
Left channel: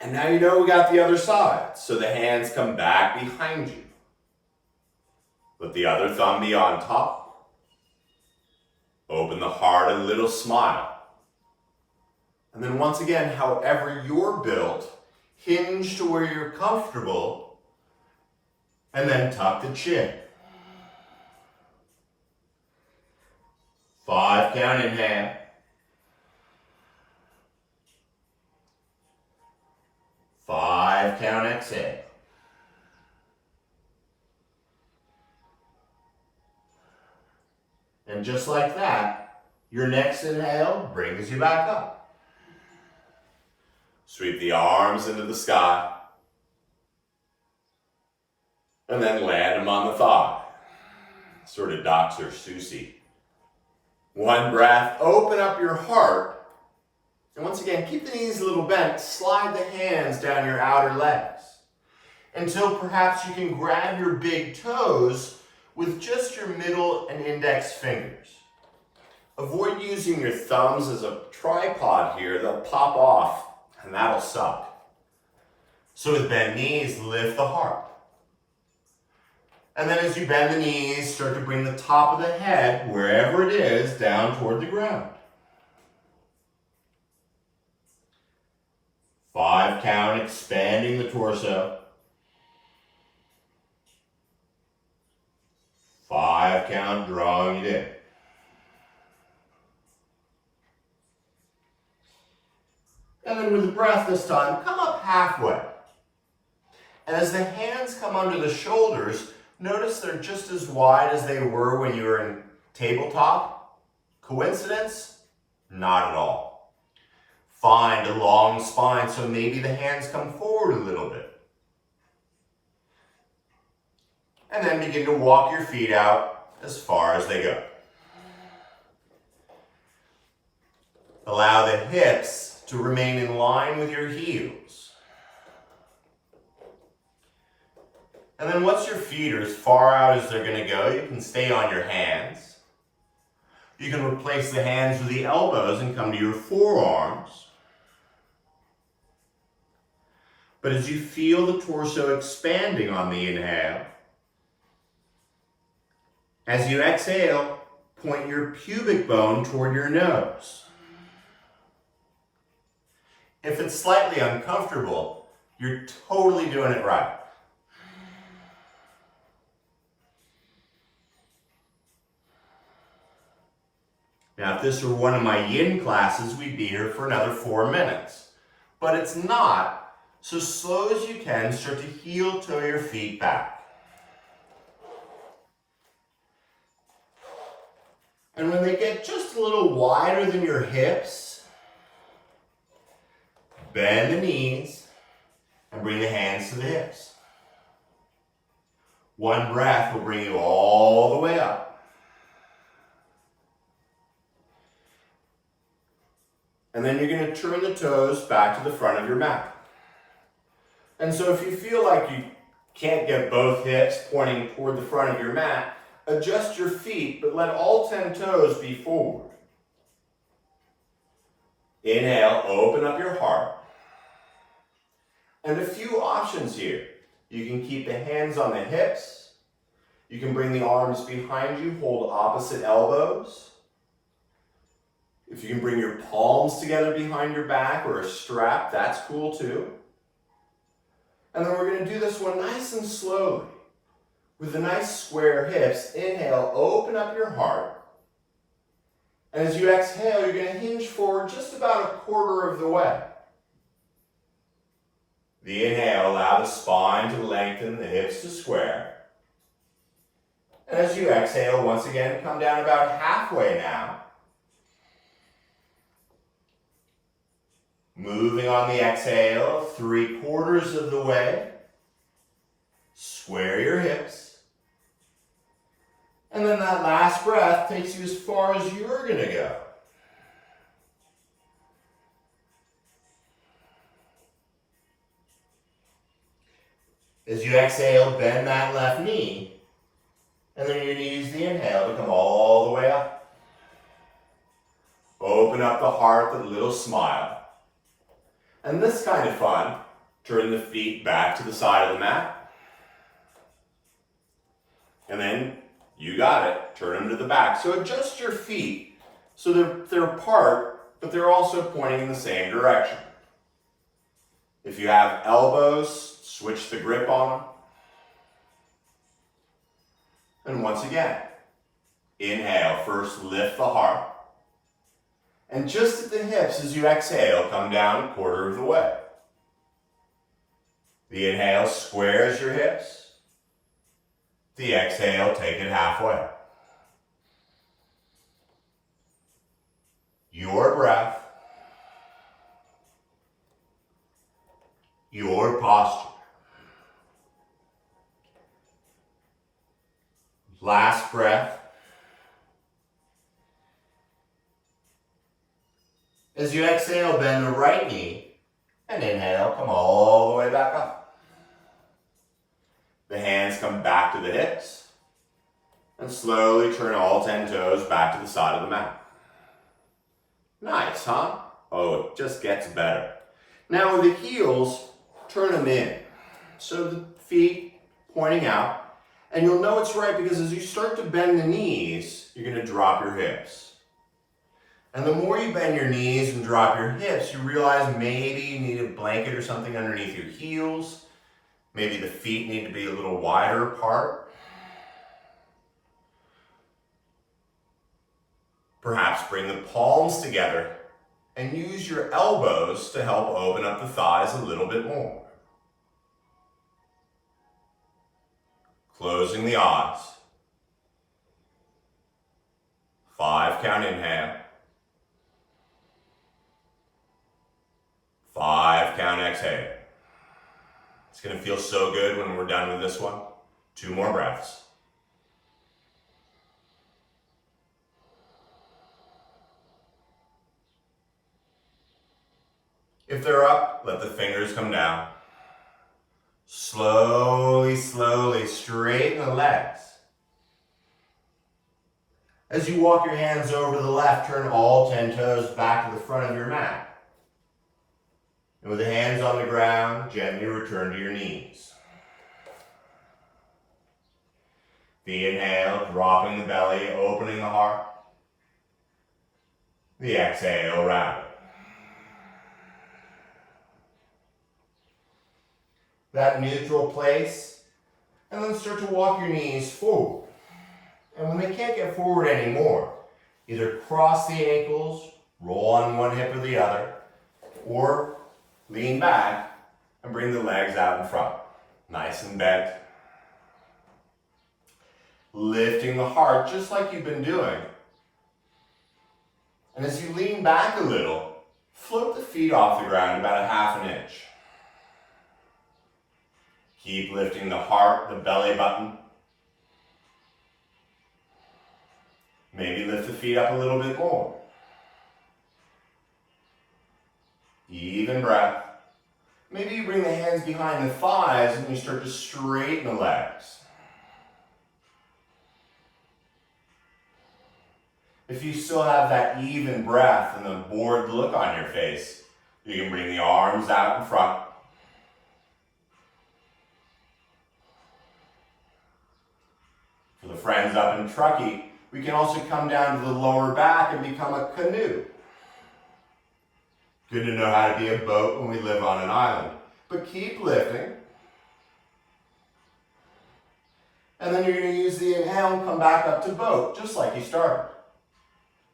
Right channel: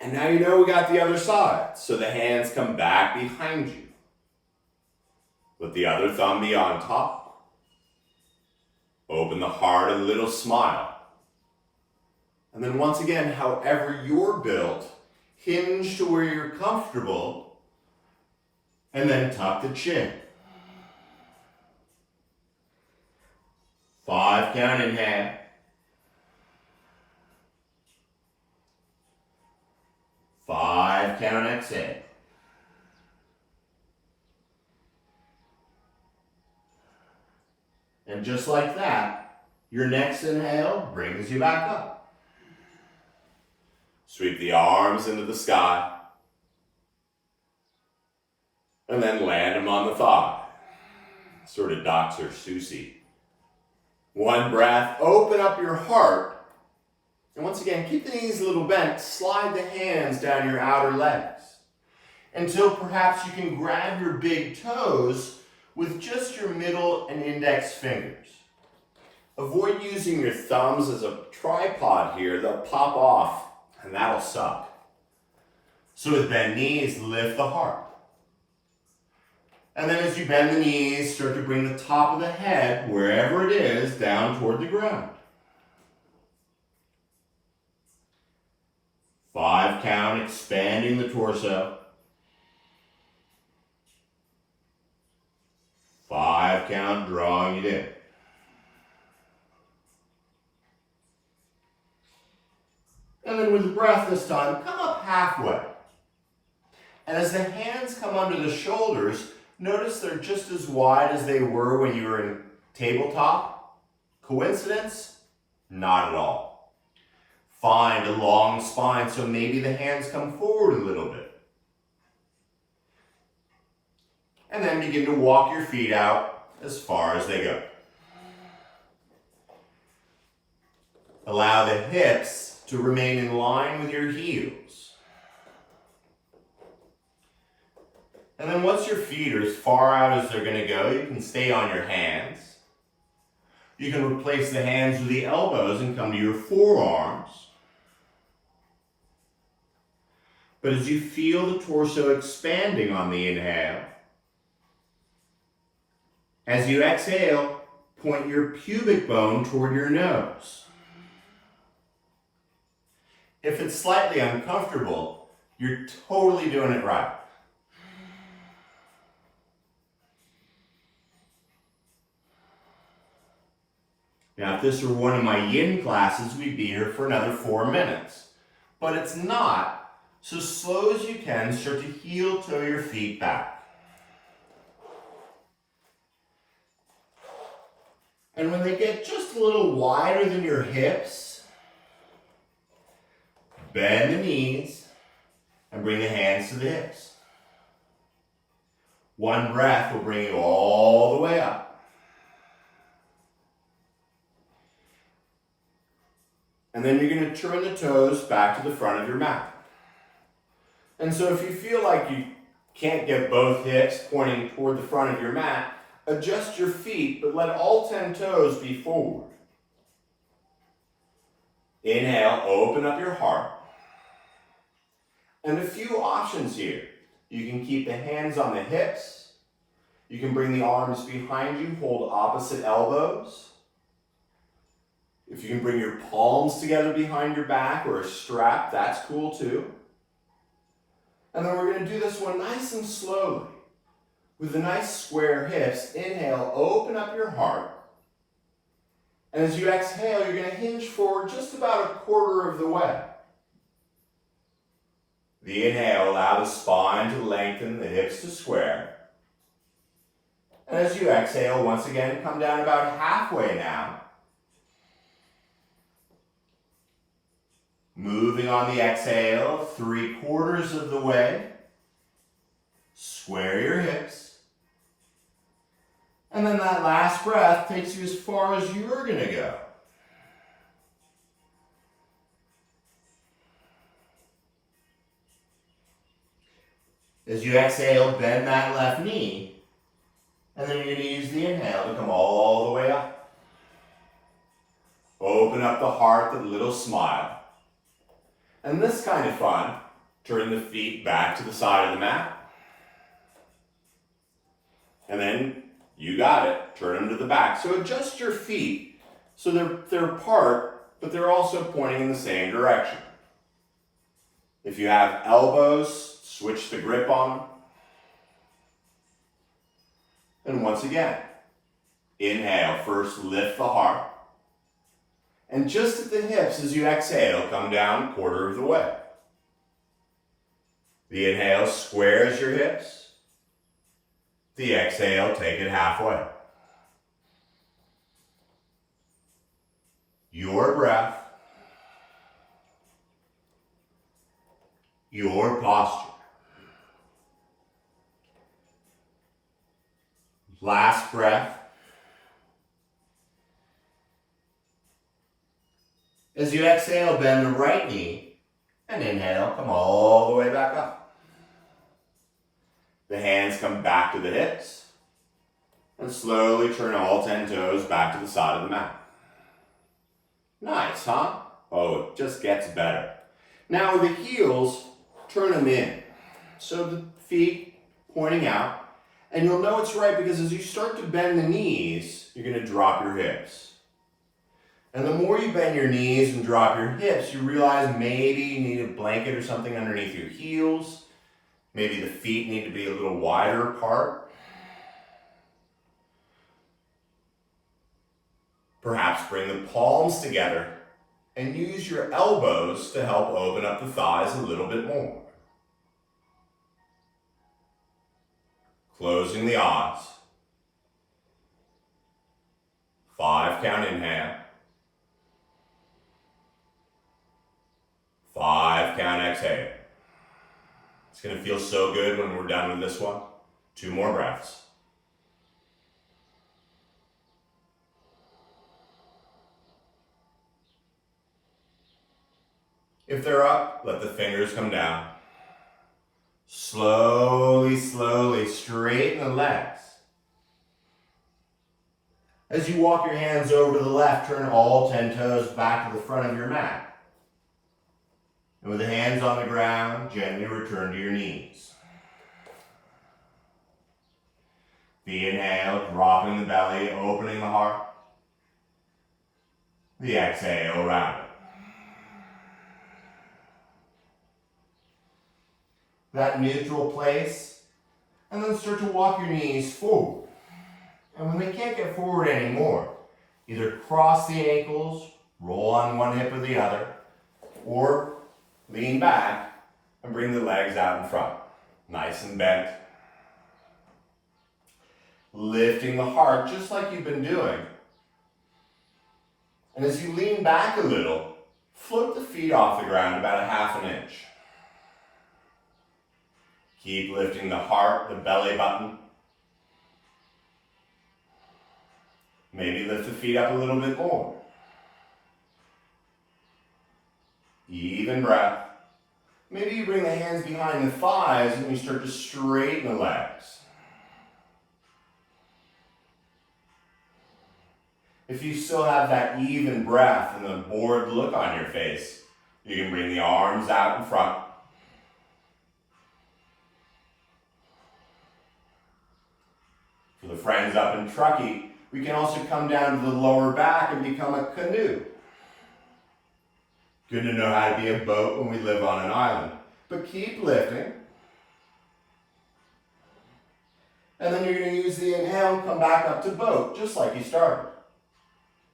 And now you know we got the other side, so the hands come back behind you. Let the other thumb be on top. Open the heart, a little smile. And then once again, however you're built, hinge to where you're comfortable, and then tuck the chin. 5 count inhale. 5 count exhale. And just like that, your next inhale brings you back up. Sweep the arms into the sky. And then land them on the thigh. Sort of Dr. Seussy. One breath, open up your heart. And once again, keep the knees a little bent. Slide the hands down your outer legs. Until perhaps you can grab your big toes with just your middle and index fingers. Avoid using your thumbs as a tripod here. They'll pop off, and that'll suck. So with bent knees, lift the heart. And then as you bend the knees, start to bring the top of the head, wherever it is, down toward the ground. 5 count, expanding the torso. 5 that count, drawing it in. And then with the breath this time, come up halfway. And as the hands come under the shoulders, notice they're just as wide as they were when you were in tabletop. Coincidence? Not at all. Find a long spine, so maybe the hands come forward a little bit. And then begin to walk your feet out as far as they go. Allow the hips to remain in line with your heels. And then once your feet are as far out as they're going to go, you can stay on your hands. You can replace the hands with the elbows and come to your forearms. But as you feel the torso expanding on the inhale, as you exhale, point your pubic bone toward your nose. If it's slightly uncomfortable, you're totally doing it right. Now, if this were one of my yin classes, we'd be here for another 4 minutes. But it's not, so slow as you can, start to heel toe your feet back. And when they get just a little wider than your hips, bend the knees and bring the hands to the hips. One breath will bring you all the way up. And then you're going to turn the toes back to the front of your mat. And so if you feel like you can't get both hips pointing toward the front of your mat, adjust your feet, but let all 10 toes be forward. Inhale, open up your heart. And a few options here. You can keep the hands on the hips. You can bring the arms behind you, hold opposite elbows. If you can bring your palms together behind your back or a strap, that's cool too. And then we're going to do this one nice and slowly. With the nice square hips, inhale, open up your heart. And as you exhale, you're going to hinge forward just about a quarter of the way. The inhale, allow the spine to lengthen, the hips to square. And as you exhale, once again, come down about halfway now. Moving on the exhale, 3/4 of the way. Square your hips. And then that last breath takes you as far as you're going to go. As you exhale, bend that left knee. And then you're going to use the inhale to come all the way up. Open up the heart with a little smile. And this kind of fun, turn the feet back to the side of the mat. And then, you got it, turn them to the back. So adjust your feet so they're apart, but they're also pointing in the same direction. If you have elbows, switch the grip on them. And once again, inhale, first lift the heart. And just at the hips, as you exhale, come down a quarter of the way. The inhale squares your hips. The exhale, take it halfway. Your breath, your posture. Last breath. As you exhale, bend the right knee and inhale, come all the way back up. The hands come back to the hips and slowly turn all 10 toes back to the side of the mat. Nice, huh? Oh, it just gets better. Now with the heels, turn them in. So the feet pointing out, and you'll know it's right because as you start to bend the knees, you're going to drop your hips. And the more you bend your knees and drop your hips, you realize maybe you need a blanket or something underneath your heels. Maybe the feet need to be a little wider apart. Perhaps bring the palms together and use your elbows to help open up the thighs a little bit more. Closing the eyes. 5 count inhale. 5 count exhale. It's going to feel so good when we're done with this one. 2 more breaths. If they're up, let the fingers come down. Slowly, slowly straighten the legs. As you walk your hands over to the left, turn all 10 toes back to the front of your mat. And with the hands on the ground, gently return to your knees. The inhale, dropping the belly, opening the heart. The exhale, round. That neutral place, and then start to walk your knees forward. And when they can't get forward anymore, either cross the ankles, roll on one hip or the other, or lean back and bring the legs out in front. Nice and bent. Lifting the heart just like you've been doing. And as you lean back a little, float the feet off the ground about a 1/2 inch. Keep lifting the heart, the belly button. Maybe lift the feet up a little bit more. Even breath. Maybe you bring the hands behind the thighs and you start to straighten the legs. If you still have that even breath and the bored look on your face, you can bring the arms out in front. For the friends up in Truckee, we can also come down to the lower back and become a canoe. Good to know how to be a boat when we live on an island. But keep lifting. And then you're going to use the inhale and come back up to boat, just like you started.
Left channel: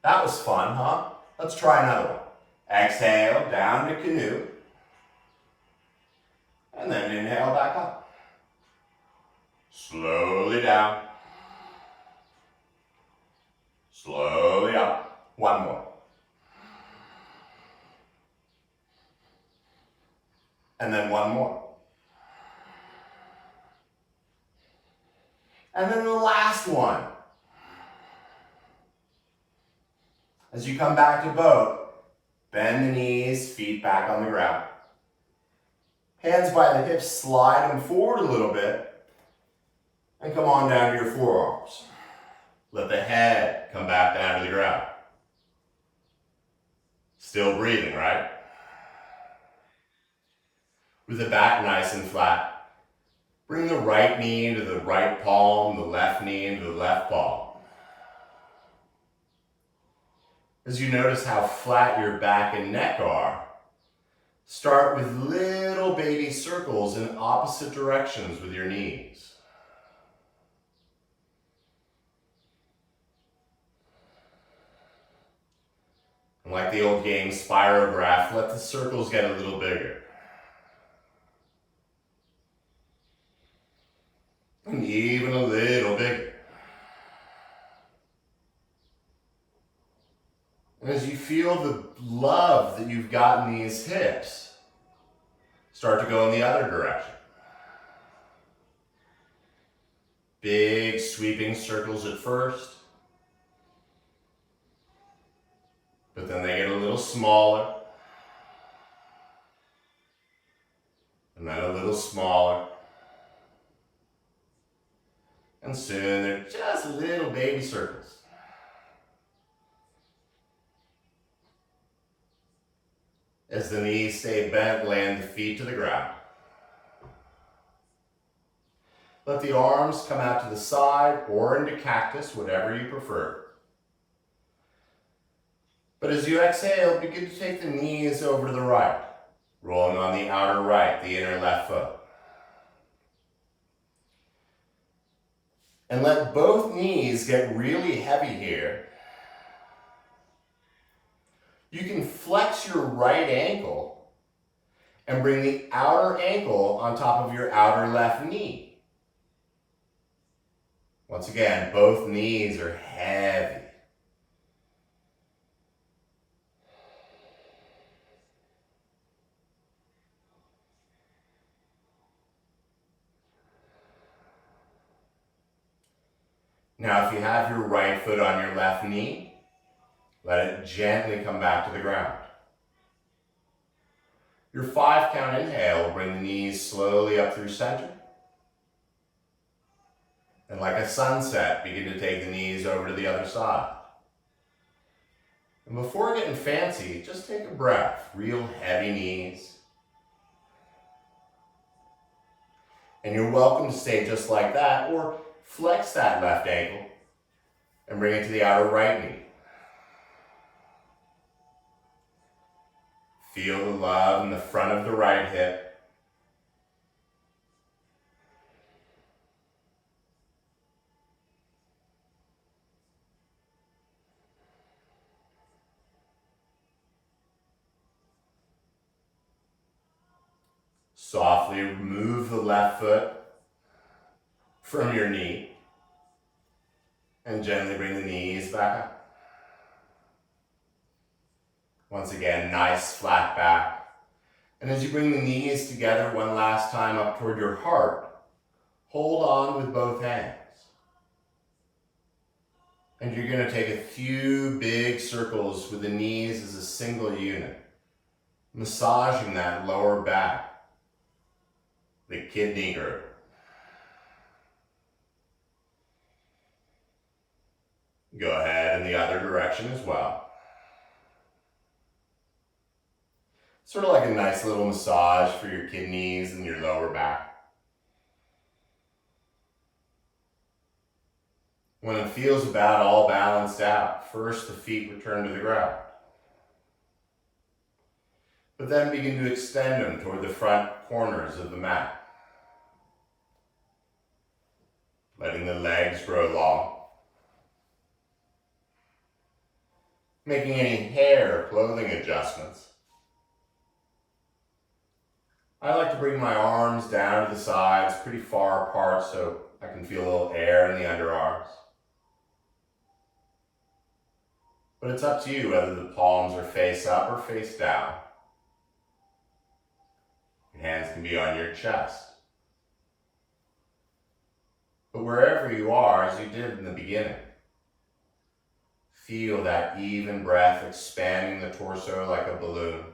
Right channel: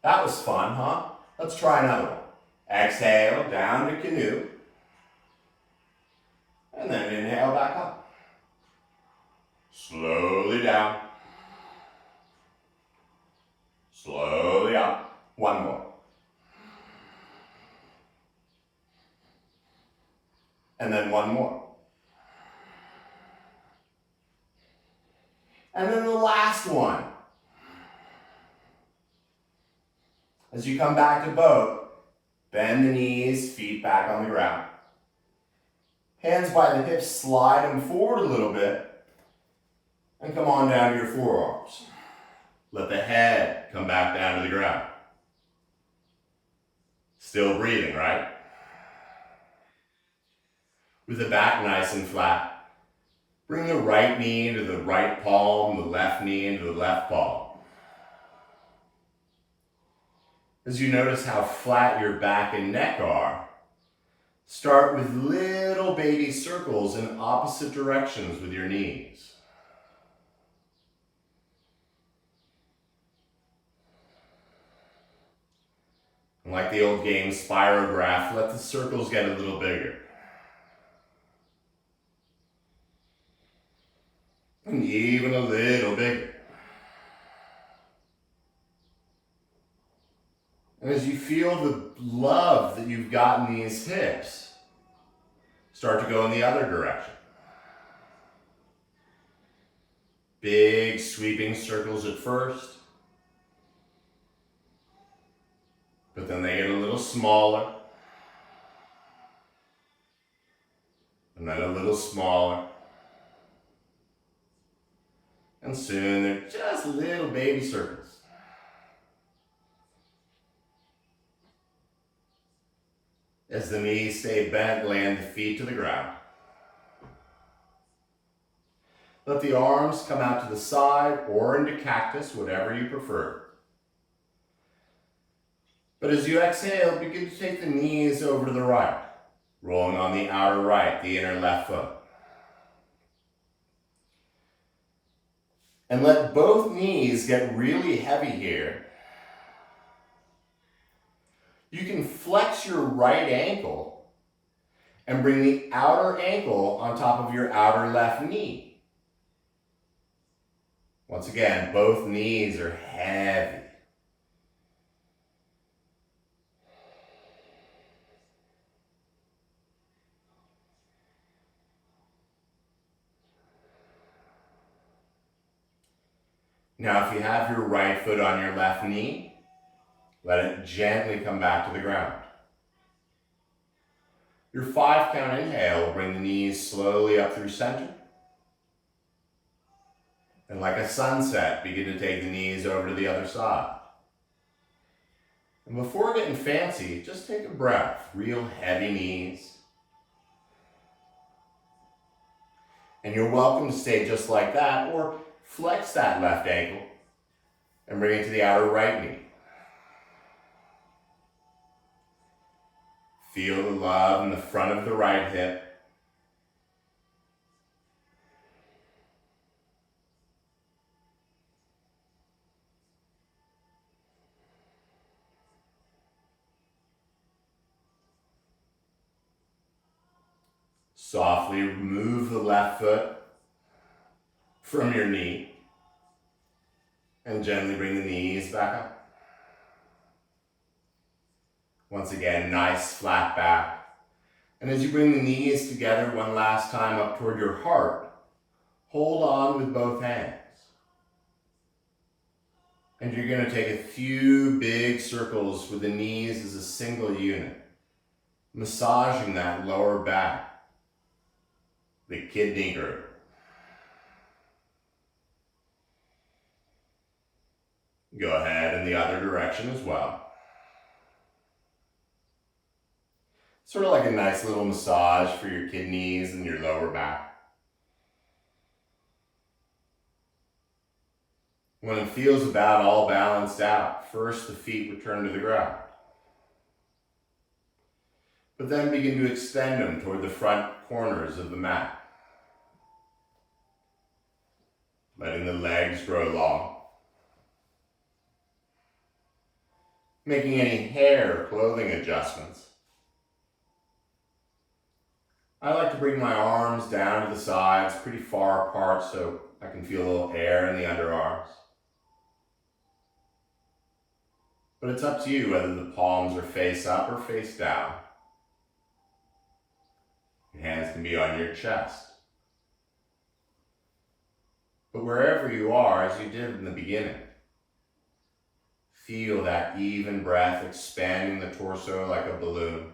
That was fun, huh? Let's try another one. Exhale, down to canoe. And then inhale back up. Slowly down. Slowly up. One more. And then one more. And then the last one. As you come back to boat, bend the knees, feet back on the ground. Hands by the hips, slide them forward a little bit, and come on down to your forearms. Let the head come back down to the ground. Still breathing, right? With the back nice and flat, bring the right knee into the right palm, the left knee into the left palm. As you notice how flat your back and neck are, start with little baby circles in opposite directions with your knees. And like the old game Spirograph, let the circles get a little bigger. And even a little bigger. And as you feel the love that you've got in these hips, start to go in the other direction. Big sweeping circles at first, but then they get a little smaller, and then a little smaller, and soon they're just little baby circles. As the knees stay bent, land the feet to the ground. Let the arms come out to the side or into cactus, whatever you prefer. But as you exhale, begin to take the knees over to the right, rolling on the outer right, the inner left foot. And let both knees get really heavy here. flex your right ankle and bring the outer ankle on top of your outer left knee. Once again, both knees are heavy. Now, if you have your right foot on your left knee, let it gently come back to the ground. Your 5 count inhale will bring the knees slowly up through center. And like a sunset, begin to take the knees over to the other side. And before getting fancy, just take a breath. Real heavy knees. And you're welcome to stay just like that, or flex that left ankle and bring it to the outer right knee. Feel the love in the front of the right hip. Softly remove the left foot from your knee and gently bring the knees back up. Once again, nice flat back. And as you bring the knees together one last time up toward your heart, hold on with both hands. And you're going to take a few big circles with the knees as a single unit, massaging that lower back, the kidney girdle. Go ahead in the other direction as well. Sort of like a nice little massage for your kidneys and your lower back. When it feels about all balanced out, first the feet return to the ground. But then begin to extend them toward the front corners of the mat. Letting the legs grow long. Making any hair or clothing adjustments. I like to bring my arms down to the sides, pretty far apart, so I can feel a little air in the underarms. But it's up to you whether the palms are face up or face down. Your hands can be on your chest. But wherever you are, as you did in the beginning, feel that even breath expanding the torso like a balloon.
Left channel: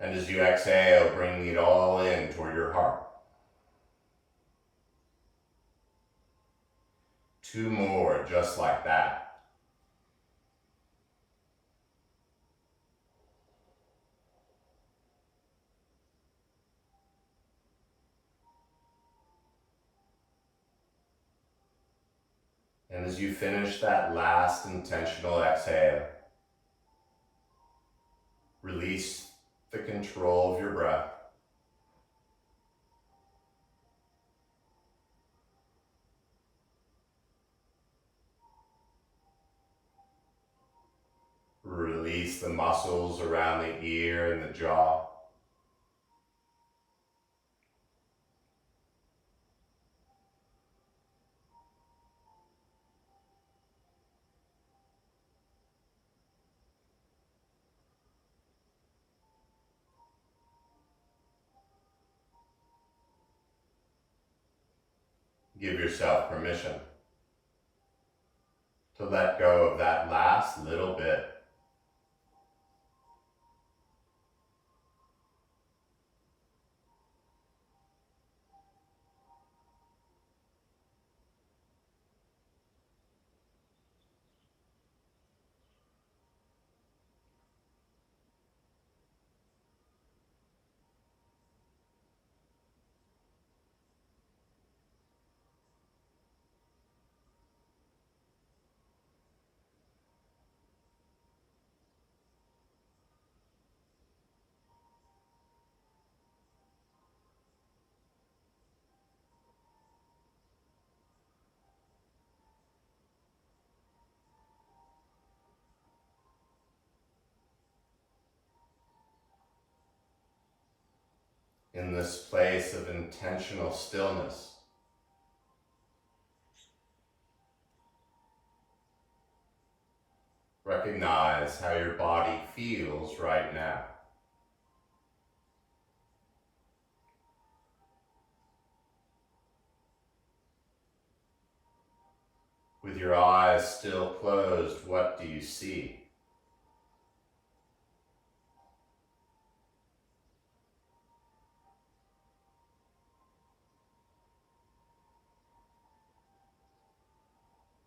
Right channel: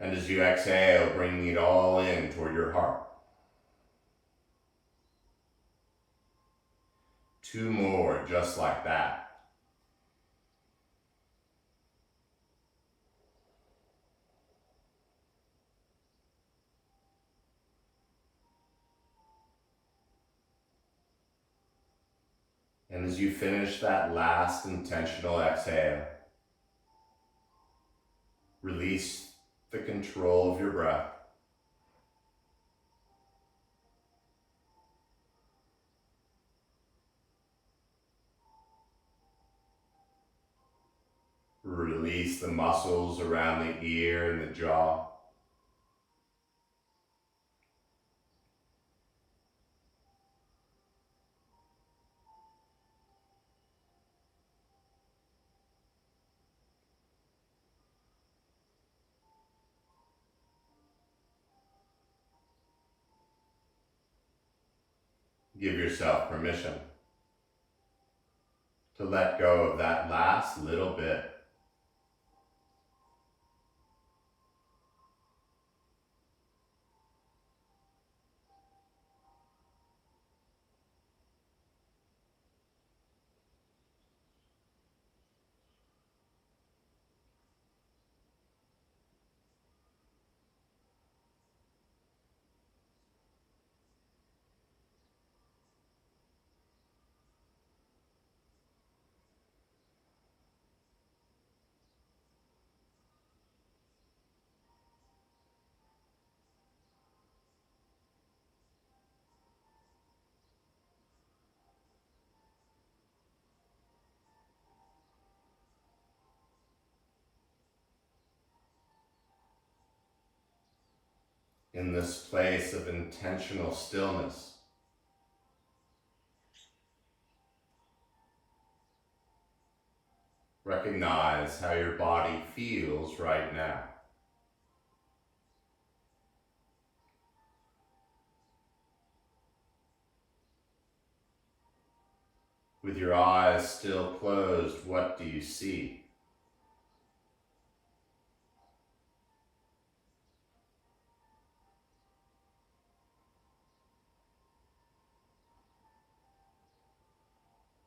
And as you exhale, bringing it all in toward your heart. 2 more just like that. And as you finish that last intentional exhale, release the control of your breath. Release the muscles around the ear and the jaw. Give yourself permission to let go of that last little bit. this place of intentional stillness. Recognize how your body feels right now. With your eyes still closed, what do you see?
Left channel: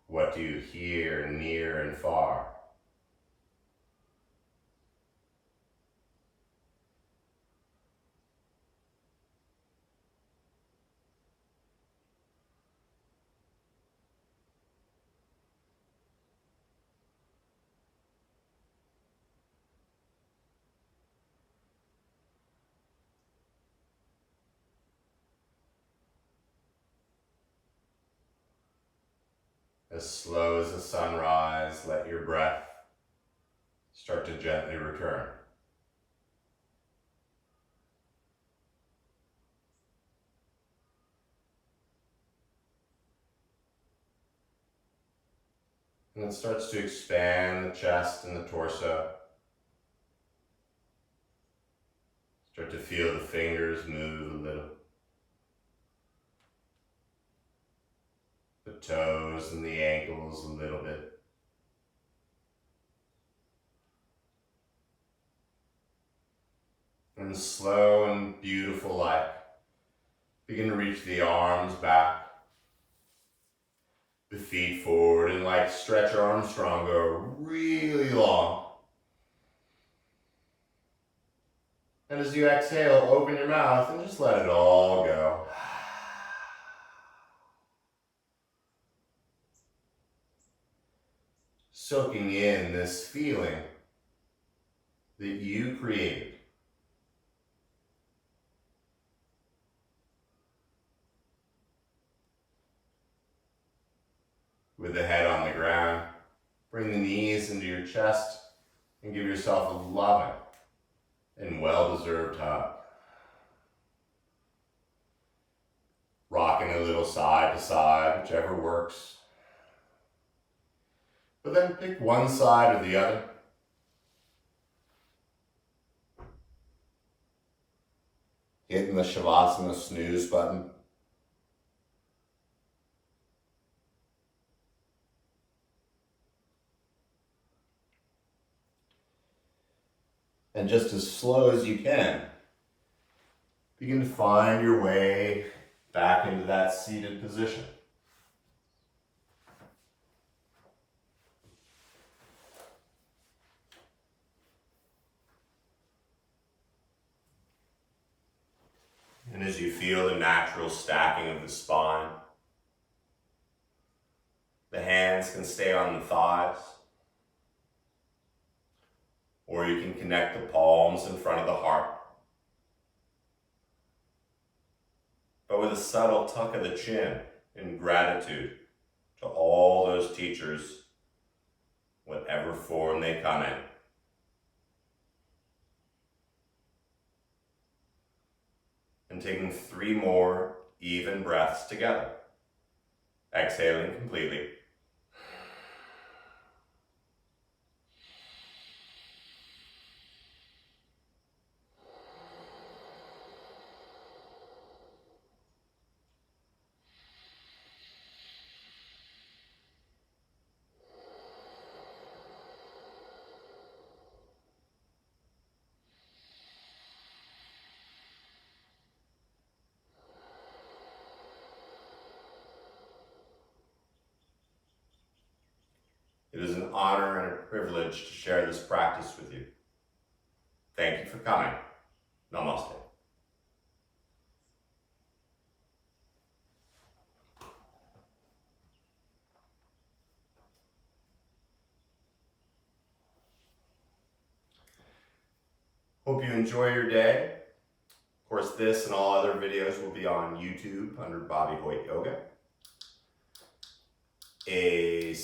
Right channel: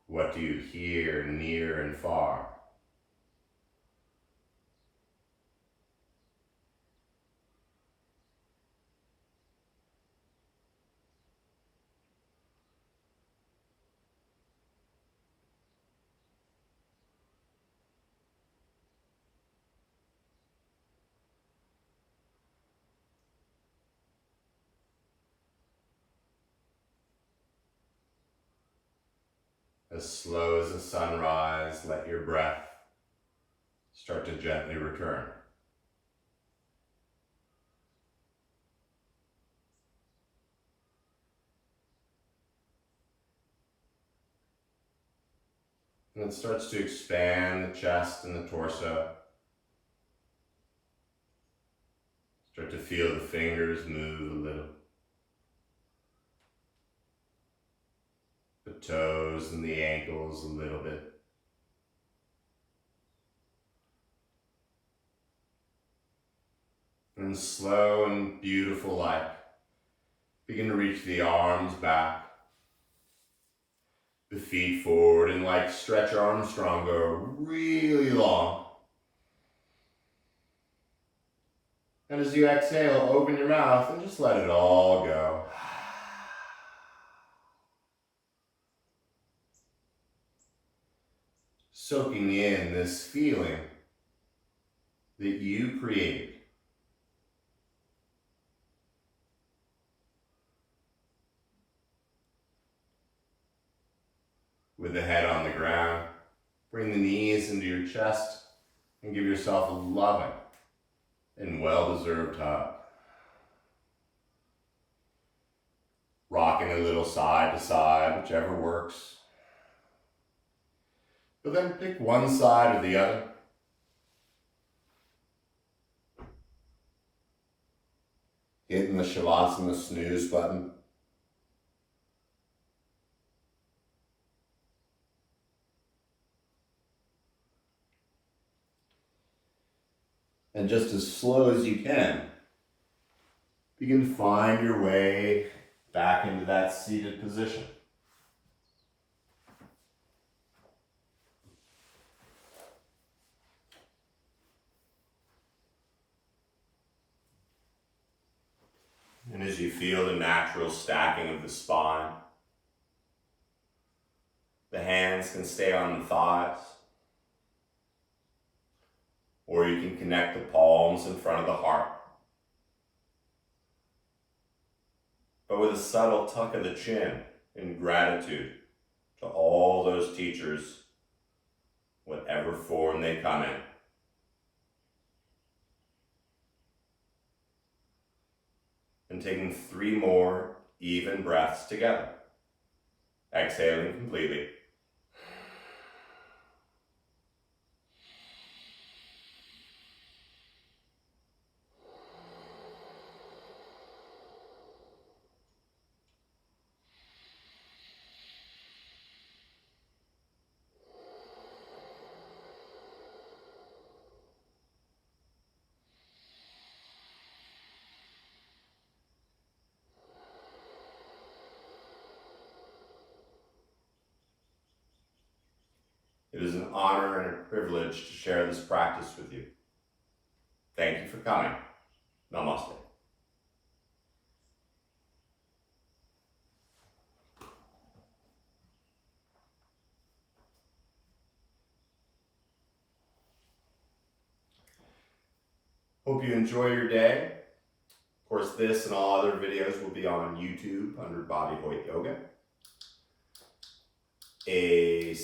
What do you hear near and far? As slow as a sunrise, let your breath start to gently return. And it starts to expand the chest and the torso. Start to feel the fingers move a little. The toes and the ankles a little bit. And slow and beautiful like, begin to reach the arms back, the feet forward, and like stretch Armstrong, go really long. And as you exhale, open your mouth and just let it all go. Soaking in this feeling that you created. With the head on the ground, bring the knees into your chest and give yourself a loving and well-deserved hug. Rocking a little side to side, whichever works. But then pick one side or the other. Hitting the Shavasana snooze button. And just as slow as you can, begin to find your way back into that seated position. And as you feel the natural stacking of the spine, the hands can stay on the thighs, or you can connect the palms in front of the heart. But with a subtle tuck of the chin in gratitude to all those teachers, whatever form they come in. And taking 3 more even breaths together. Exhaling completely. It is an honor and a privilege to share this practice with you. Thank you for coming. Namaste. Hope you enjoy your day. Of course, this and all other videos will be on YouTube under Bobby Hoyt Yoga. A